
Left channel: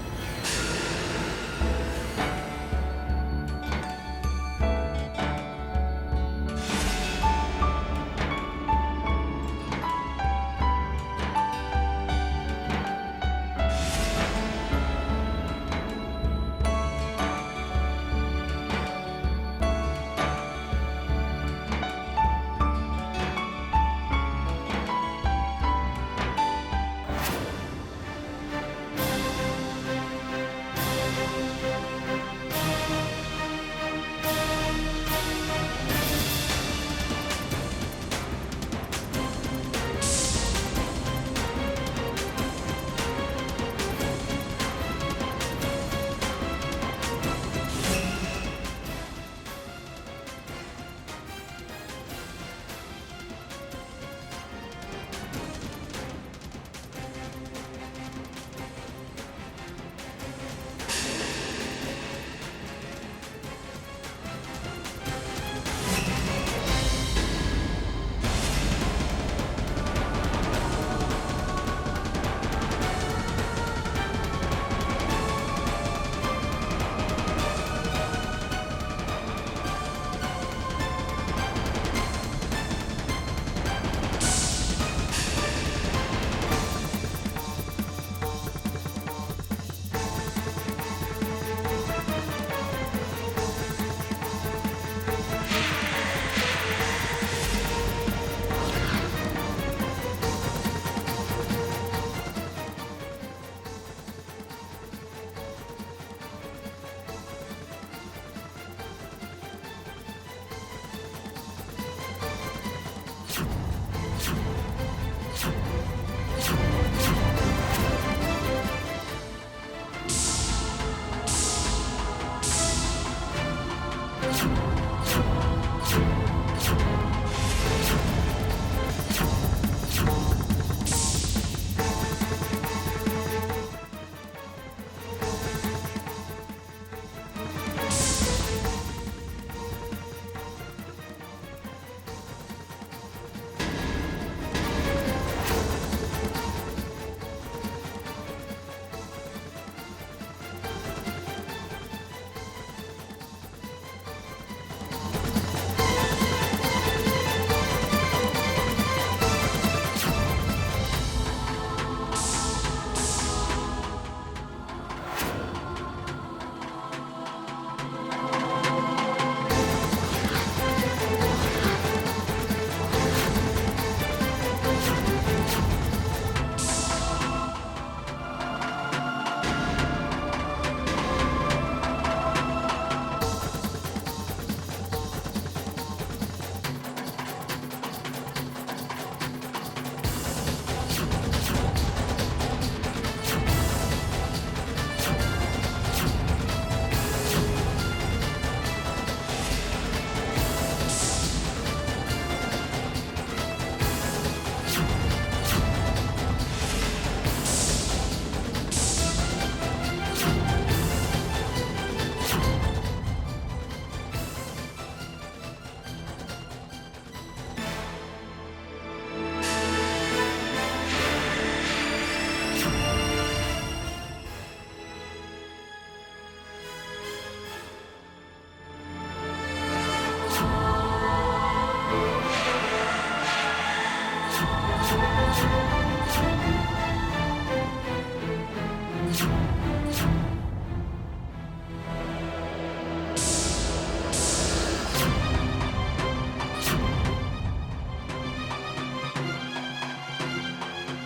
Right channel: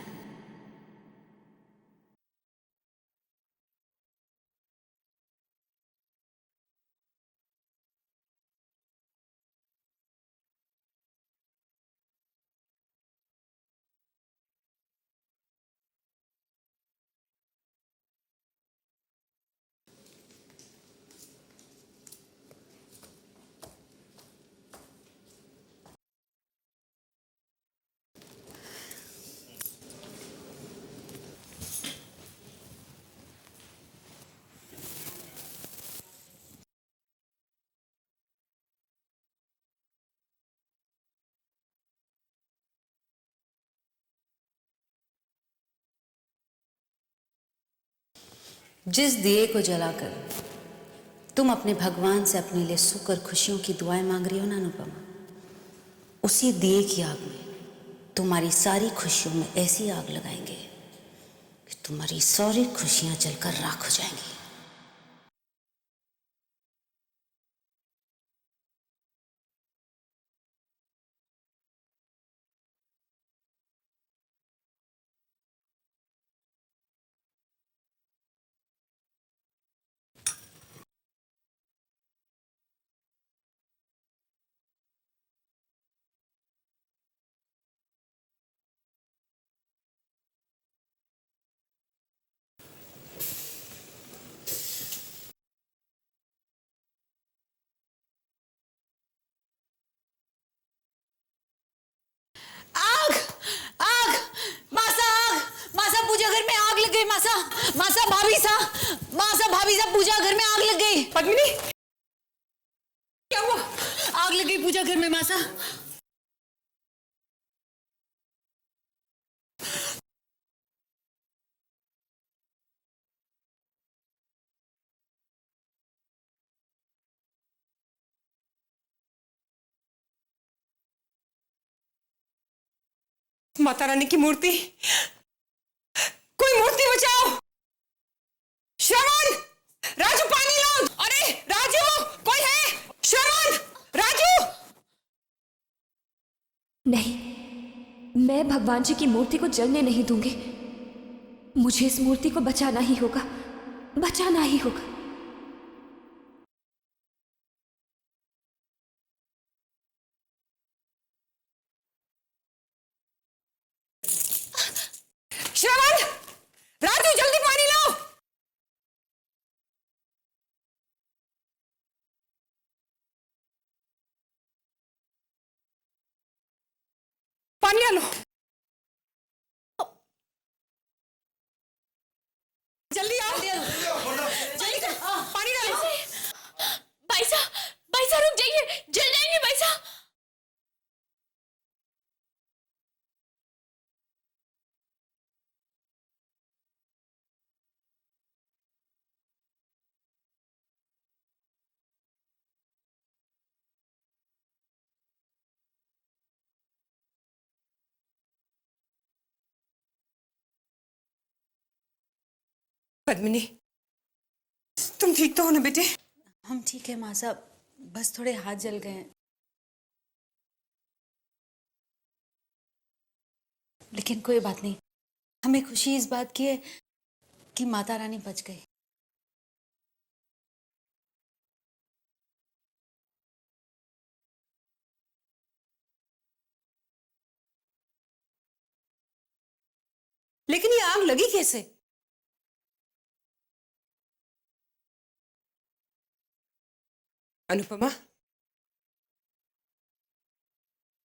जिस दिए को जलाकर तुम अपने भगवान से अपने लिए सुख और खुशियों की दुआएं मांग रही हो ना अनुपमा, उसी दिए की आग में तुम्हारी सारी खुशियों में ऐसी आग लगाएंगे तुम्हारी सारी खुशियां जलकर राख हो जाएंगी। भाभी साहब पूजा घर में आग लग गई। पद्मिनी क्या हुआ? आग लग गई पूजा घर में मासा। माता रानी की मूर्ति, कोई मूर्ति बचाओ। श्रवण, राजू पानी लो। अरे राजू, कोई है? श्रवण, राजू। नहीं, मैं भगवान जी की मूर्ति को जलने नहीं दूंगी। मुझे इस मूर्ति को बचाना ही होगा, बचाना ही होगा। श्रवण, राजू जल्दी पानी लाओ। पानी डालो। जल्दी आओ, जल्दी करो, पानी डालो। भाई साहब रुक जाइए, जल जाएंगे भाई साहब। पद्मिनी, तुम ठीक तो हो ना बेटे? हम ठीक है माँ साहब, बस थोड़े हाथ जल गए। लेकिन कोई बात नहीं, हमें खुशी इस बात की है कि माता रानी बच गई। लेकिन ये आग लगी कैसे? अनुपमा,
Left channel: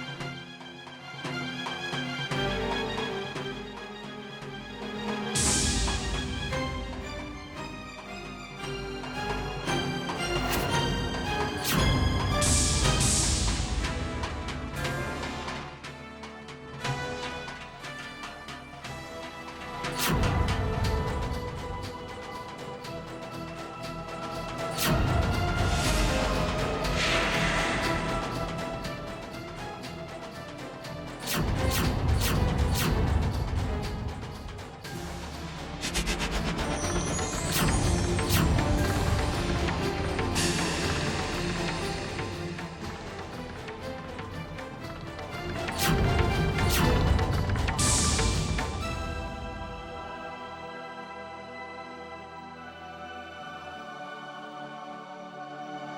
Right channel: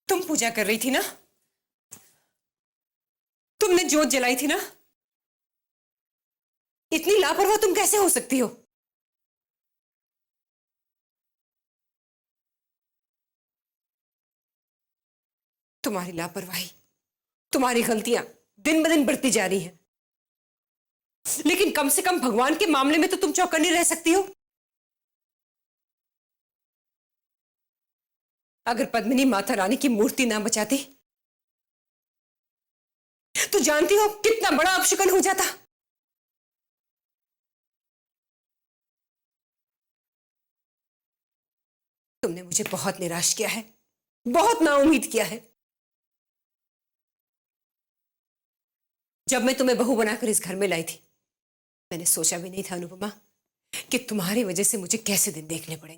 तुम पूजा कर रही थी ना? तुमने जोत जलाई थी ना? इतनी लापरवाह तुम कैसे हो सकती हो? तुम्हारी लापरवाही, तुम्हारी गलतियां दिन ब दिन बढ़ती जा रही है। लेकिन कम से कम भगवान के मामले में तो तुम चौकन्नी रह सकती हो। अगर पद्मिनी माता रानी की मूर्ति ना बचाती तो जानती हो कितना बड़ा अपशकुन हो जाता। तुमने मुझे बहुत निराश किया है, बहुत नाउम्मीद किया है। जब मैं तुम्हें बहू बनाकर इस घर में लाई थी, मैंने सोचा भी नहीं था अनुपमा कि तुम्हारी वजह से मुझे कैसे दिन देखने पड़ेंगे।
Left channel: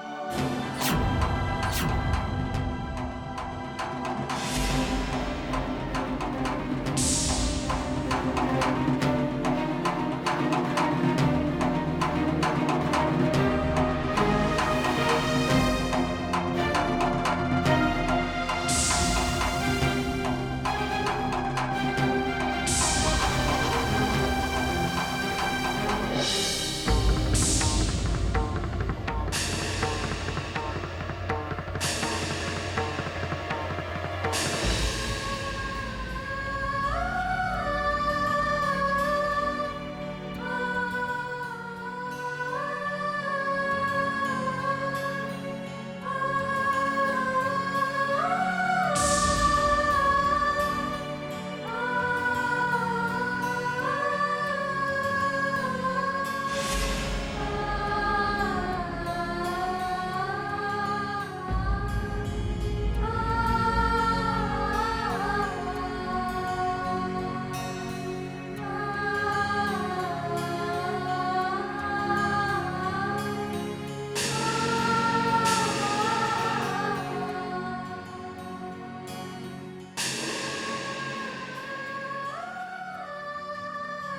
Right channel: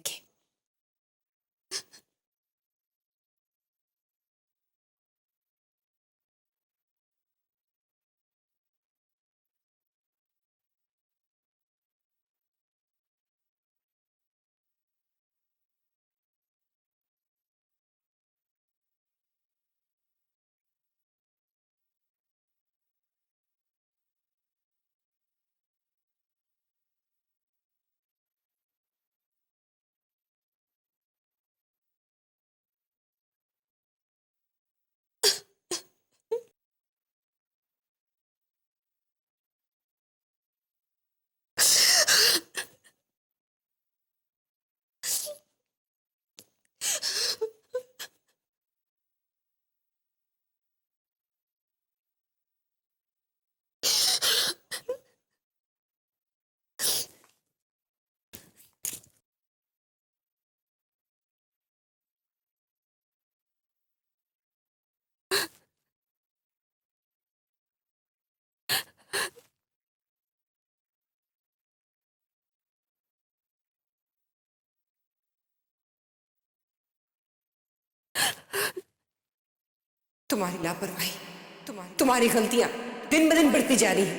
तुम्हारी गलतियां दिन ब दिन बढ़ती जा रही है।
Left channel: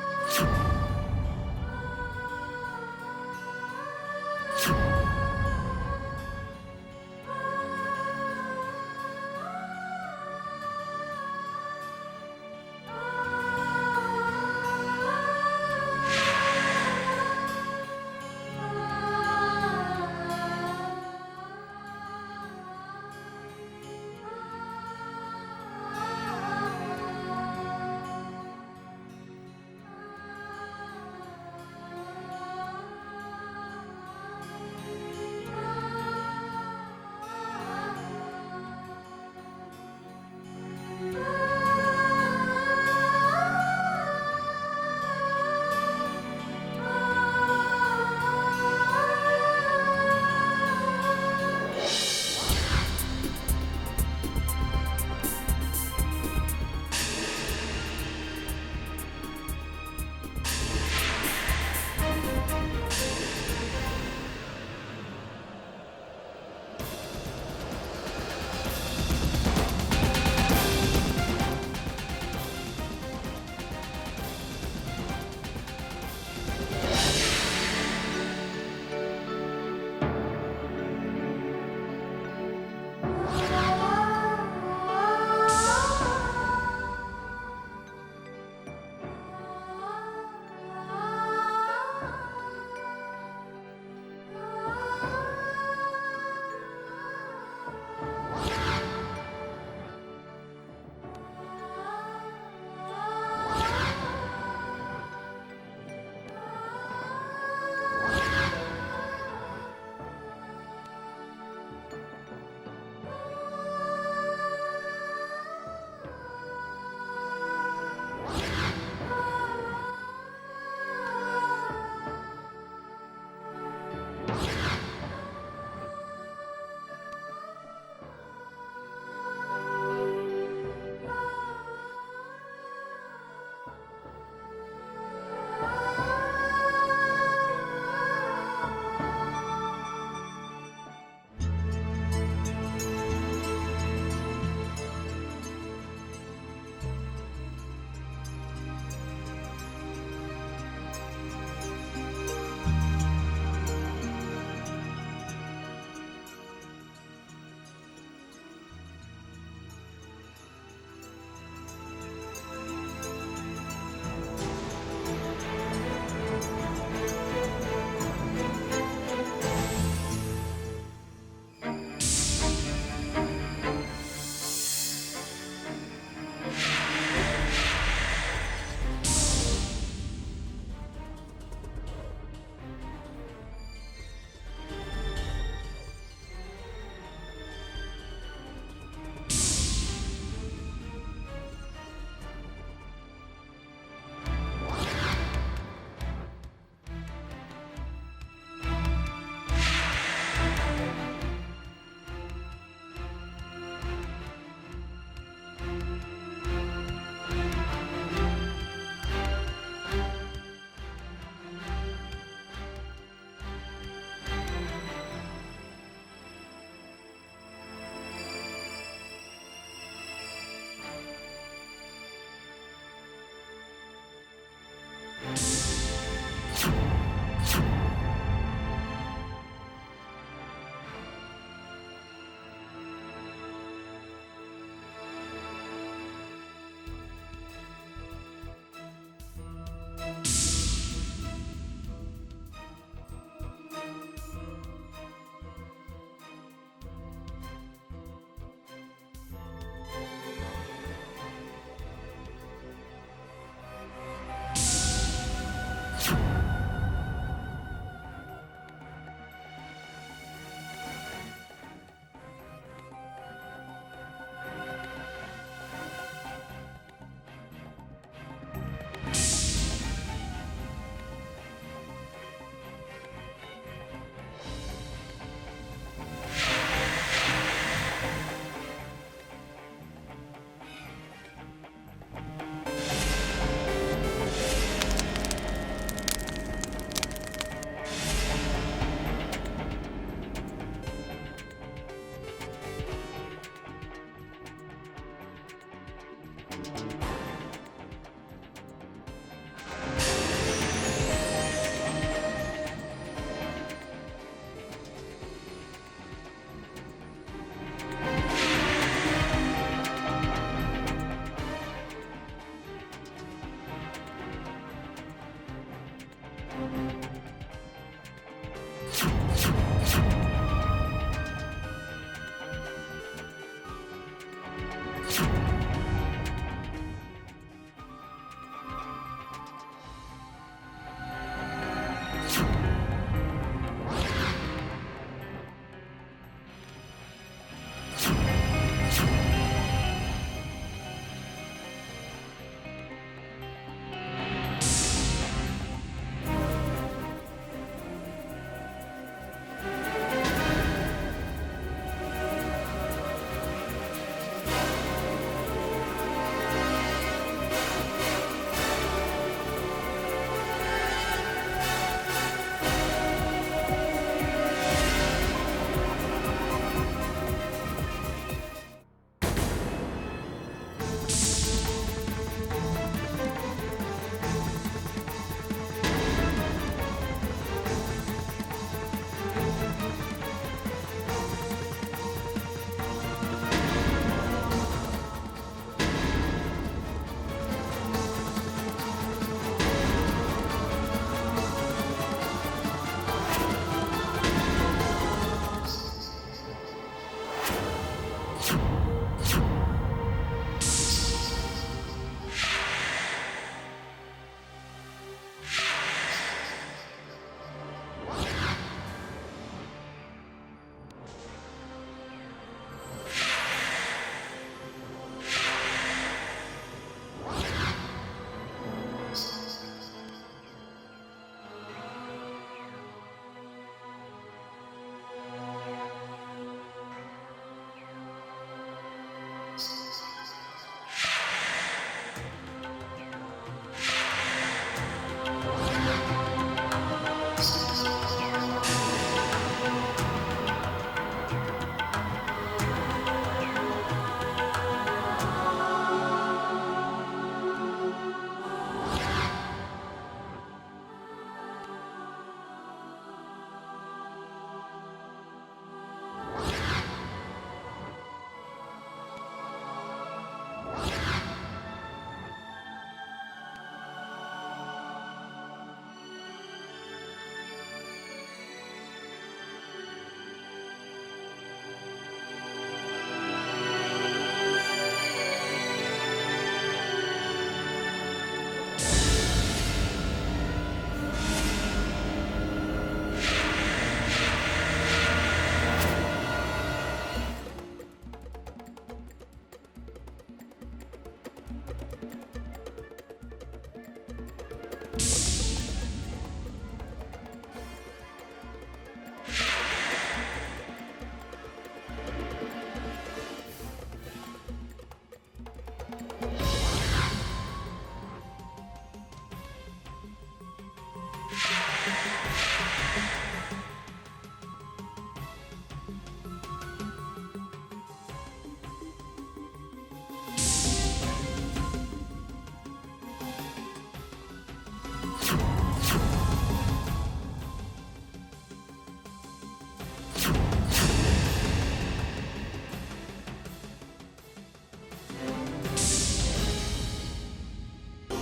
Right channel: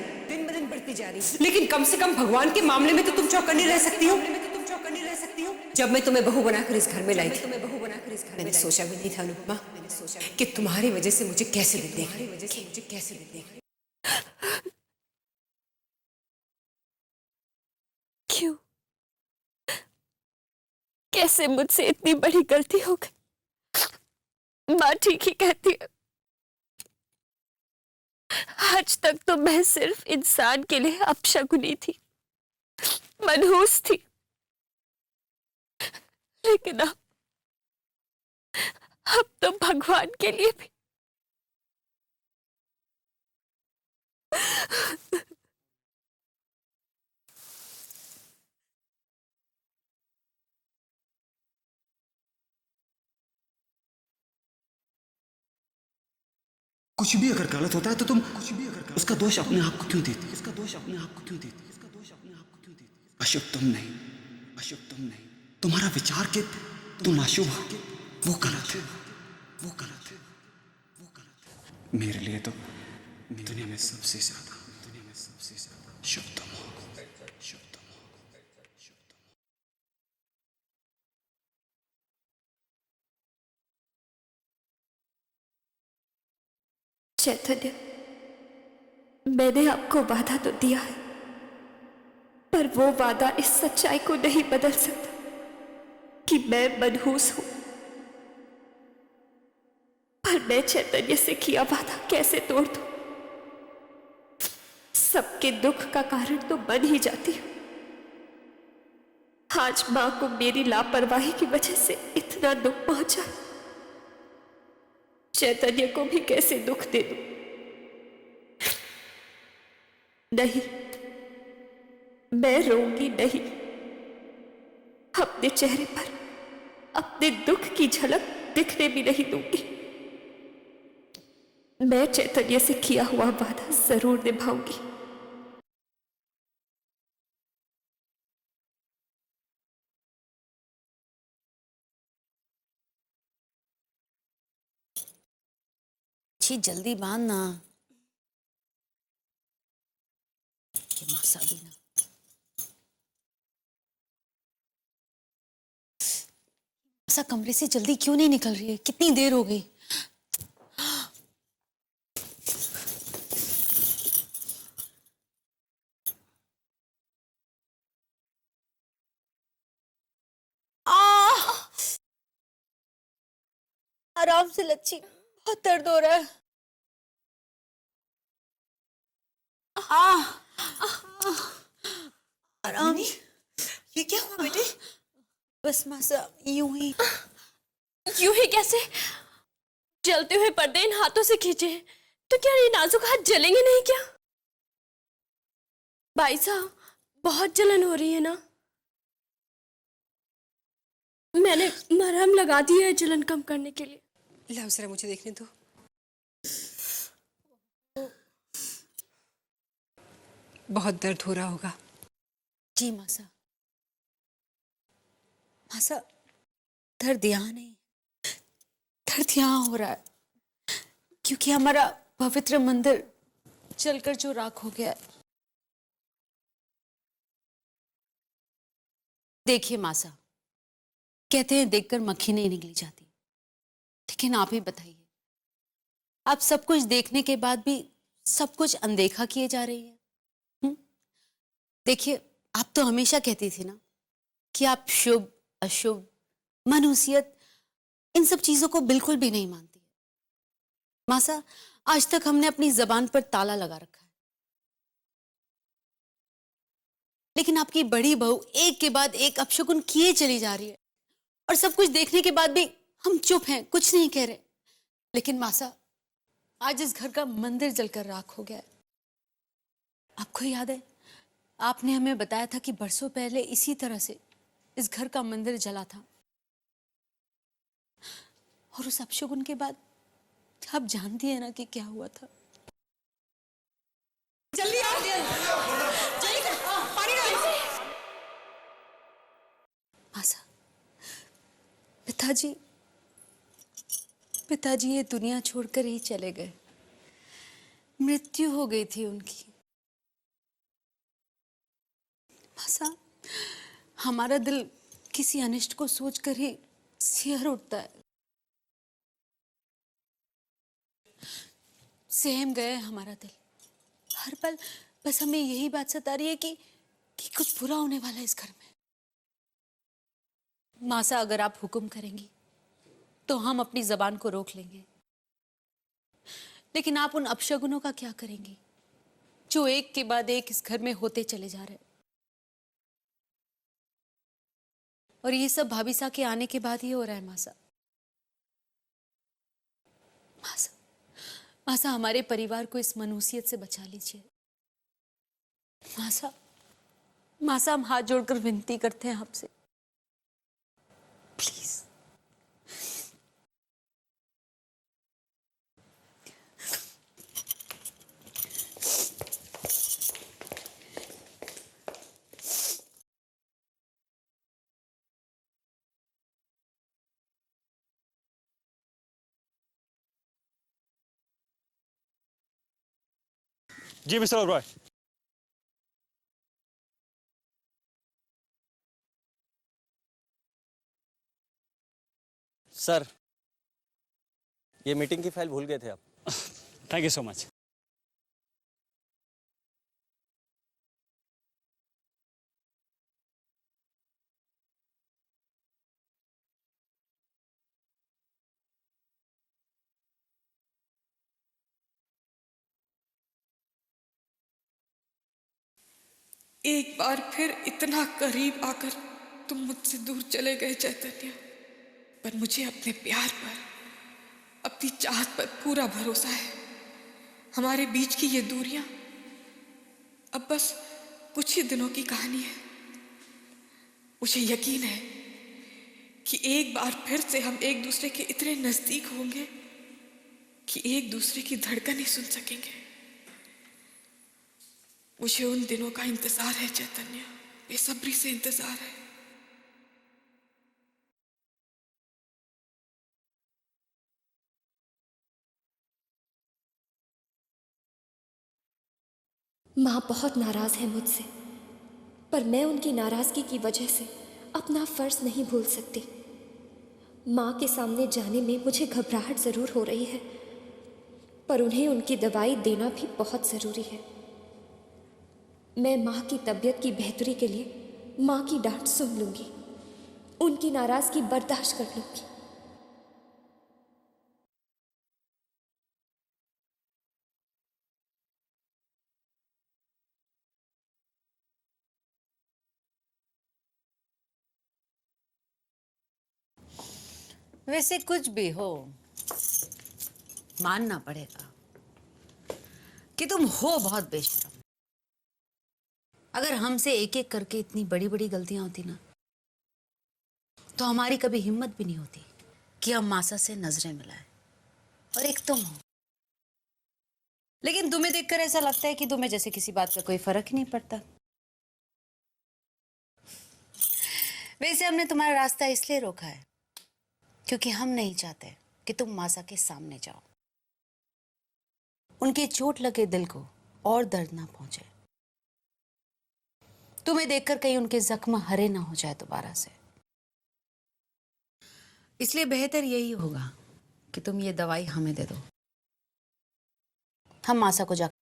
लेकिन कम से कम भगवान के मामले में तो तुम चौकन्नी रह सकती हो। जब मैं तुम्हें बहू बनाकर इस घर में लाई थी, मैंने सोचा भी नहीं था अनुपमा कि तुम्हारी वजह से मुझे कैसे दिन देखने क्यों? कैसे मुझसे इतनी बड़ी गलती हो गई? माँ ठीक ही कहती है, आज तक तो मैं सिर्फ इंसान के लिए अपशकुनी थी, मनहूस थी। लेकिन अब तो भगवान के लिए भी। कुछ भी अगर गलत होता है तो तुम उसका दोष अपने आप को क्यों देती? तुम्हारा विचार के तुम मासूम हो, वो गलत है। मेरे लिए तो दुनिया में सबसे शुद्ध। चैतन्य, मैंने आपको वादा तो दिया है, पर वो वादा इस सच्चाई को नहीं बदल सकता कि मैं मनहूस हूं। पर मैं चैतन्य से किया वादा कैसे तोड़ दूं? सबके दुख का कारण तो बन ही जाती हूं। आज मां को मेरी लापरवाही की वजह से इतना दुख पहुंचा, चैतन्य को भी कैसे दुख दे दूं? नहीं, मैं रोऊंगी नहीं। अपने चेहरे पर अपने दुख की झलक दिखने भी नहीं दूंगी। मैं चैतन्य से किया हुआ वादा जरूर निभाऊंगी। जी जल्दी बांध ना। ऐसा कमरे से जल्दी क्यों नहीं निकल रही है? कितनी देर हो गई? आराम से लच्छी, बहुत दर्द हो रहा है। आराम। ये क्या हुआ बेटे? बस मासा यूं ही कैसे? जलते हुए पर्दे इन हाथों से खींचे तो क्या ये नाजुक हाथ जलेंगे नहीं क्या? भाई साहब, बहुत जलन हो रही है ना? मैंने मरहम लगा दी है जलन कम करने के लिए। लाओ जरा मुझे देखने दो। बहुत दर्द हो रहा होगा। जी मासा। मासा, दर्द यहाँ नहीं, दर्द यहाँ हो रहा है क्योंकि हमारा पवित्र मंदिर जलकर जो राख हो गया है। देखिए मासा, कहते हैं देखकर मक्खी नहीं निकल जाती, लेकिन आप ही बताइए, आप सब कुछ देखने के बाद भी सब कुछ अनदेखा किए जा रही है। देखिए, आप तो हमेशा कहती थी ना कि आप शुभ अशुभ मनुष्यत इन सब चीजों को बिल्कुल भी नहीं मानते। मासा, आज तक हमने अपनी जबान पर ताला लगा रखा, लेकिन आपकी बड़ी बहू एक के बाद एक अपशकुन किए चली जा रही है और सब कुछ देखने के बाद भी हम चुप हैं, कुछ नहीं कह रहे। लेकिन मासा, आज इस घर का मंदिर जलकर राख हो गया। आपको याद है, आपने हमें बताया था कि बरसों पहले इसी तरह से इस घर का मंदिर जला था, और उस अपशुगुन के बाद आप जानती हैं ना कि क्या हुआ था। पिताजी ये दुनिया छोड़कर ही चले गए, मृत्यु हो गई थी उनकी। हमारा दिल किसी अनिष्ट को सोचकर ही सिहर उठता है। सहम गए हमारा दिल। हर पल बस हमें यही बात सता रही है कि कुछ बुरा होने वाला है इस घर में। मासा, अगर आप हुक्म करेंगे तो हम अपनी जबान को रोक लेंगे, लेकिन आप उन अपशगुनों का क्या करेंगे जो एक के बाद एक इस घर में होते चले जाएंगे? और ये सब भाभी सा के आने के बाद ही हो रहा है। मासा, हमारे परिवार को इस मनुष्यत से बचा लीजिए। मासा, हम हाथ जोड़कर विनती करते हैं आपसे, प्लीज। जी मिस्टर ओबरॉय। सर, ये मीटिंग की फाइल भूल गए थे। Thank you so much. एक बार फिर इतना करीब आकर तुम मुझसे दूर चले गए चैतन्य, पर मुझे अपने प्यार पर, अपनी चाहत पर पूरा भरोसा है। हमारे बीच की ये दूरियां अब बस कुछ ही दिनों की कहानी है। मुझे यकीन है कि एक बार फिर से हम एक दूसरे के इतने नजदीक होंगे कि एक दूसरे की धड़कनें सुन सकेंगे। मुझे उन दिनों का इंतजार है चैतन्य, बेसब्री से इंतजार है। माँ बहुत नाराज है मुझसे, पर मैं उनकी नाराजगी की वजह से अपना फर्ज नहीं भूल सकती। माँ के सामने जाने में मुझे घबराहट जरूर हो रही है, पर उन्हें उनकी दवाई देना भी बहुत जरूरी है। मैं माँ की तबीयत की बेहतरी के लिए माँ की डांट सुन लूंगी, उनकी नाराजगी बर्दाश्त कर लूंगी। वैसे कुछ भी हो, मानना पड़ेगा कि तुम हो बहुत बेशर्म। अगर हमसे एक एक करके इतनी बड़ी बड़ी गलतियां होती ना, तो हमारी कभी हिम्मत भी नहीं होती कि हम मासा से नजरें मिलाएं। और एक तुम हो, लेकिन तुम्हें देखकर ऐसा लगता है कि तुम्हें जैसे किसी बात का कोई फर्क ही नहीं पड़ता। वैसे हमने तुम्हारा रास्ता इसलिए रोका है क्योंकि हम नहीं चाहते कि तुम मासा के सामने जाओ, उनके चोट लगे दिल को और दर्द ना पहुंचे, तुम्हें देखकर कहीं उनके जख्म हरे ना हो जाए दोबारा से। इसलिए बेहतर यही होगा कि तुम ये दवाई हमें दे दो, हम मासा को जाकर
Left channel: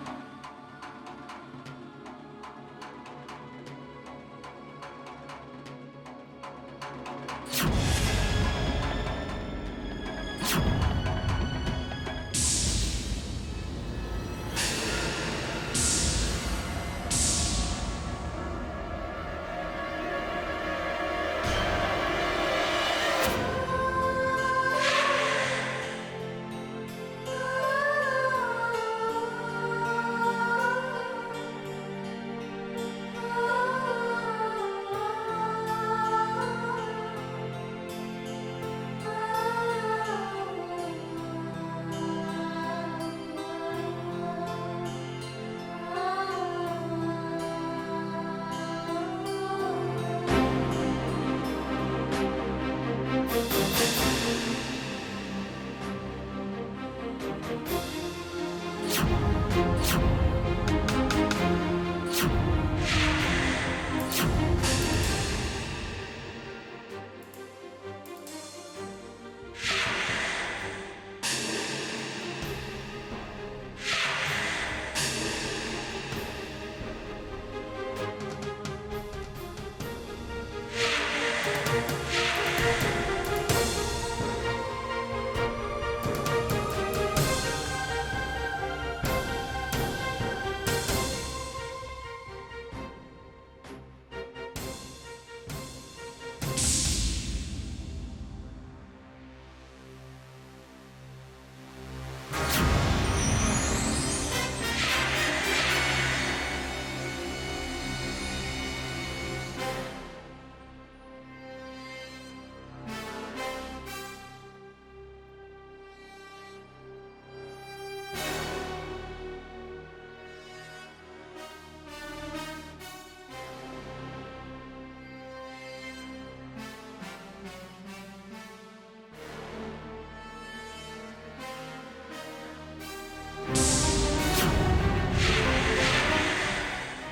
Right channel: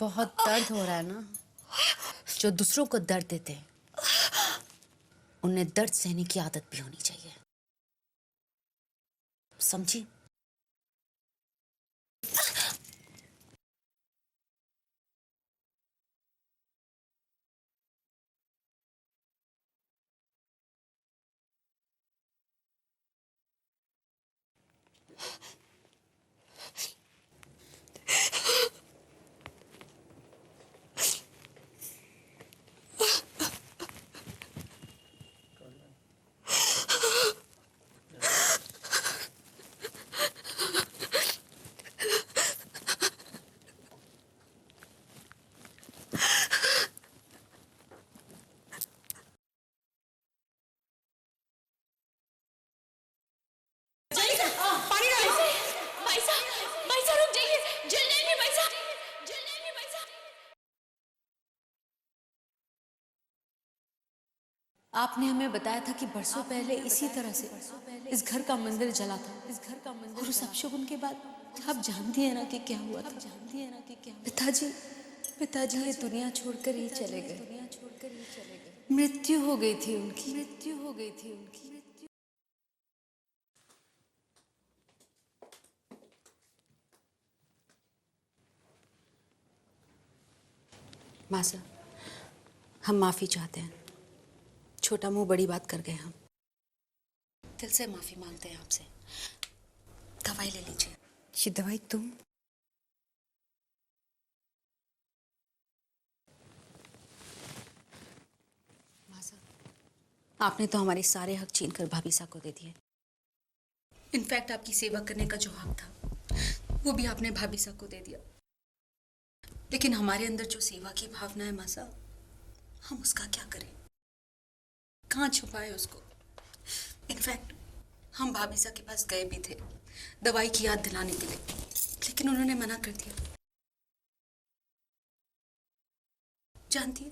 बहुत दर्द हो रहा है ना। जो दूसरों को दर्द देते हैं उन्हें दर्द सहने की आदत भी होनी चाहिए, समझी? आपने हमें बताया था कि बरसों पहले इसी तरह से इस घर का मंदिर जला था। रिसेप्शन के बाद आप जानती हैं ना कि क्या हुआ था? जानती हैं ना? पिताजी इस दुनिया छोड़कर ही चले गए। मृत्यु हो गई थी उनकी, मृत्यु हो गई थी। मासूम, हम माफी चाहते हैं। छोटा मुंह बड़ी बात कर गए हम। दिल से माफी मांगते हैं आपसे। दवाई ले लीजिए। ये दवाई तो आपने तो हमारे सारे हक छीन कर भाभी साहब को दे दिए। इनफैक्ट आपकी सेवा करने का जो हक था वो भी आपने भाभी साहब को दे दिया। लेकिन हमारे अंदर जो सेवा की भावना है मासा, हम उसका क्या करें? कहाँ छुपाए उसको? इनफैक्ट हम भाभी साहब के पास गए भी थे दवाई की याद दिलाने के लिए, लेकिन उन्होंने मना कर दिया। जानती,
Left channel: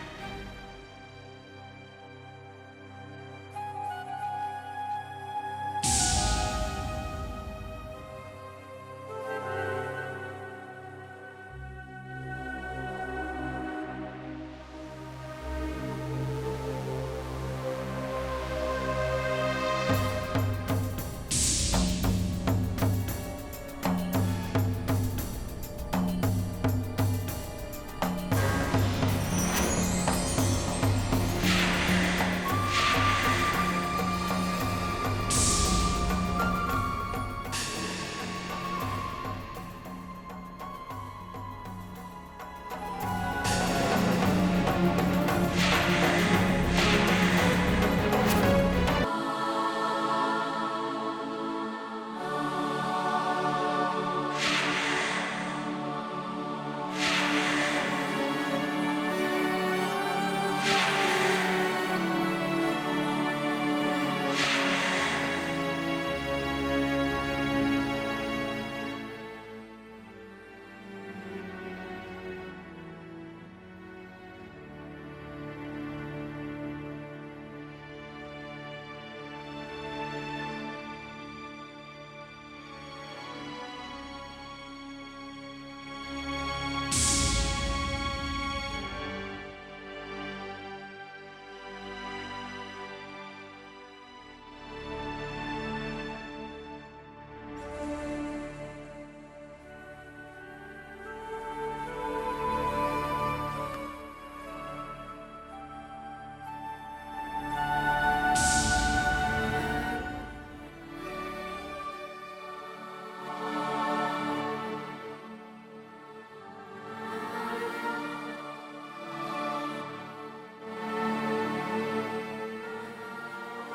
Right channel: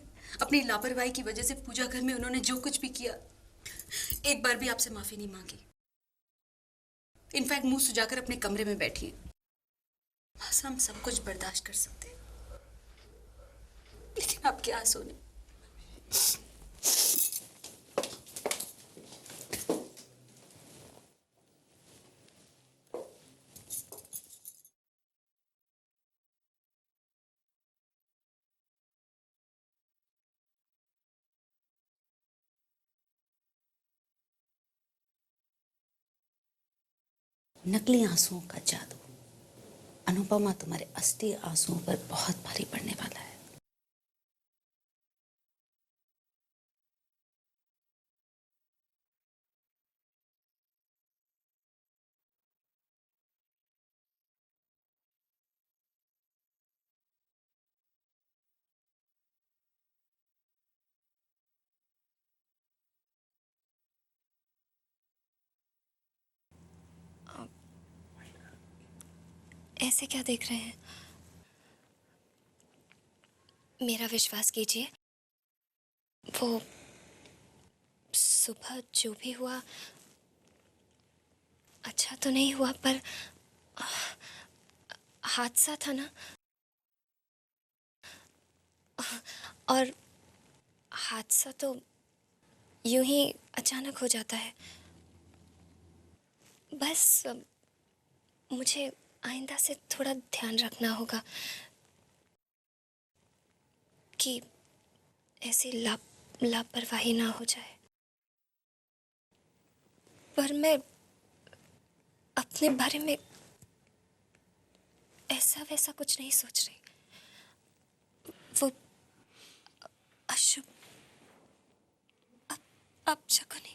अपनी लापरवाही की वजह से पूजा घर में उन्होंने जो कुछ भी किया, एक बार भी आपसे माफी नहीं मांगी। इनफैक्ट मुंह सुजाकर अपने कमरे में बैठी। बस हम सब कुछ बर्दाश्त कर सकते हैं, लेकिन आपके आंसू नकली आंसू बहुत ज्यादा। अनुपमा, तुम्हारे असली आंसुओं पर बहुत भारी पड़ने वाला है। ऐसे क्या देख रहे हैं? मेरा विश्वास कीजिए, वो सुबह जो भी हुआ अच्छा तो नहीं हुआ, पर हादसा था ना। और हादसा तो यूं ही अचानक हो जाता है। बस मुझे आइंदा से थोड़ा ध्यान रखना होगा कि ऐसी लापरवाही ना हो जाए। पर मैं अपने बारे में ऐसा वैसा कुछ नहीं सोच रही। वो अशुभ अपशकुनी।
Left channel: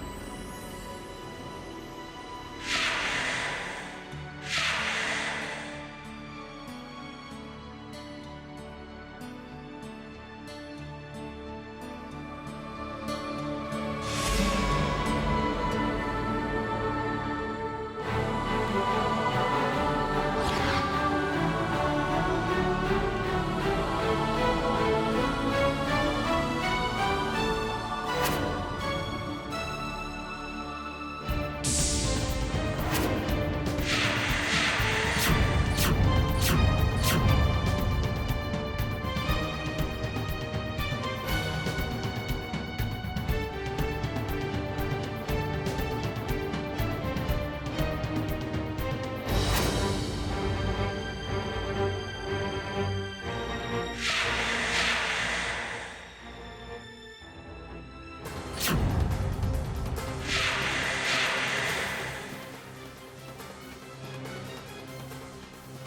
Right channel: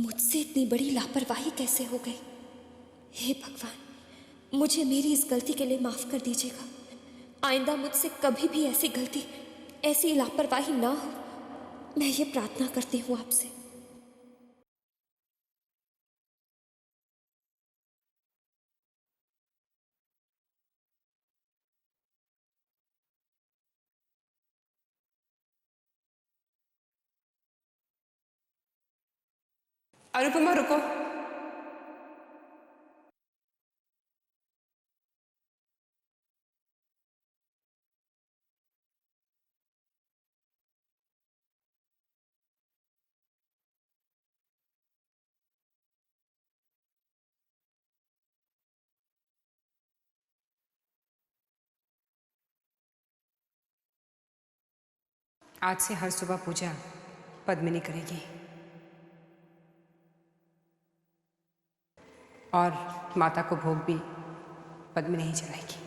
मुझसे इतनी बड़ी लापरवाही कैसे हो गई? हे भगवान, मुझे मेरी इस गलती के लिए माफ कर दीजिएगा। आइंदा मुझसे कभी भी ऐसी गलती, ऐसी लापरवाही ना हो, मैं ये प्रार्थना करती हूँ आपसे। अनुपमा रुको। आज से हर सुबह पूजा पद्मिनी करेगी और माता को भोग भी पद्मिनी ही चढ़ाएगी।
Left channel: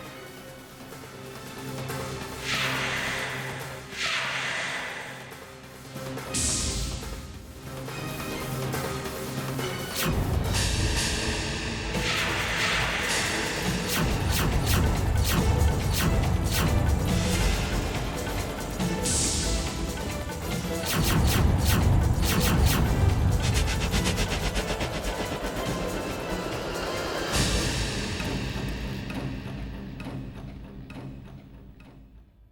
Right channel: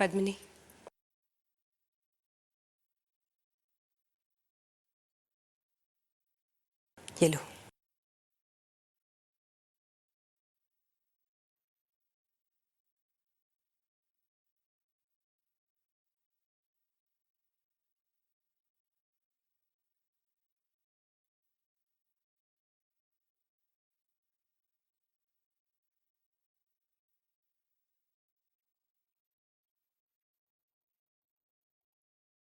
पद्मिनी, ये लो।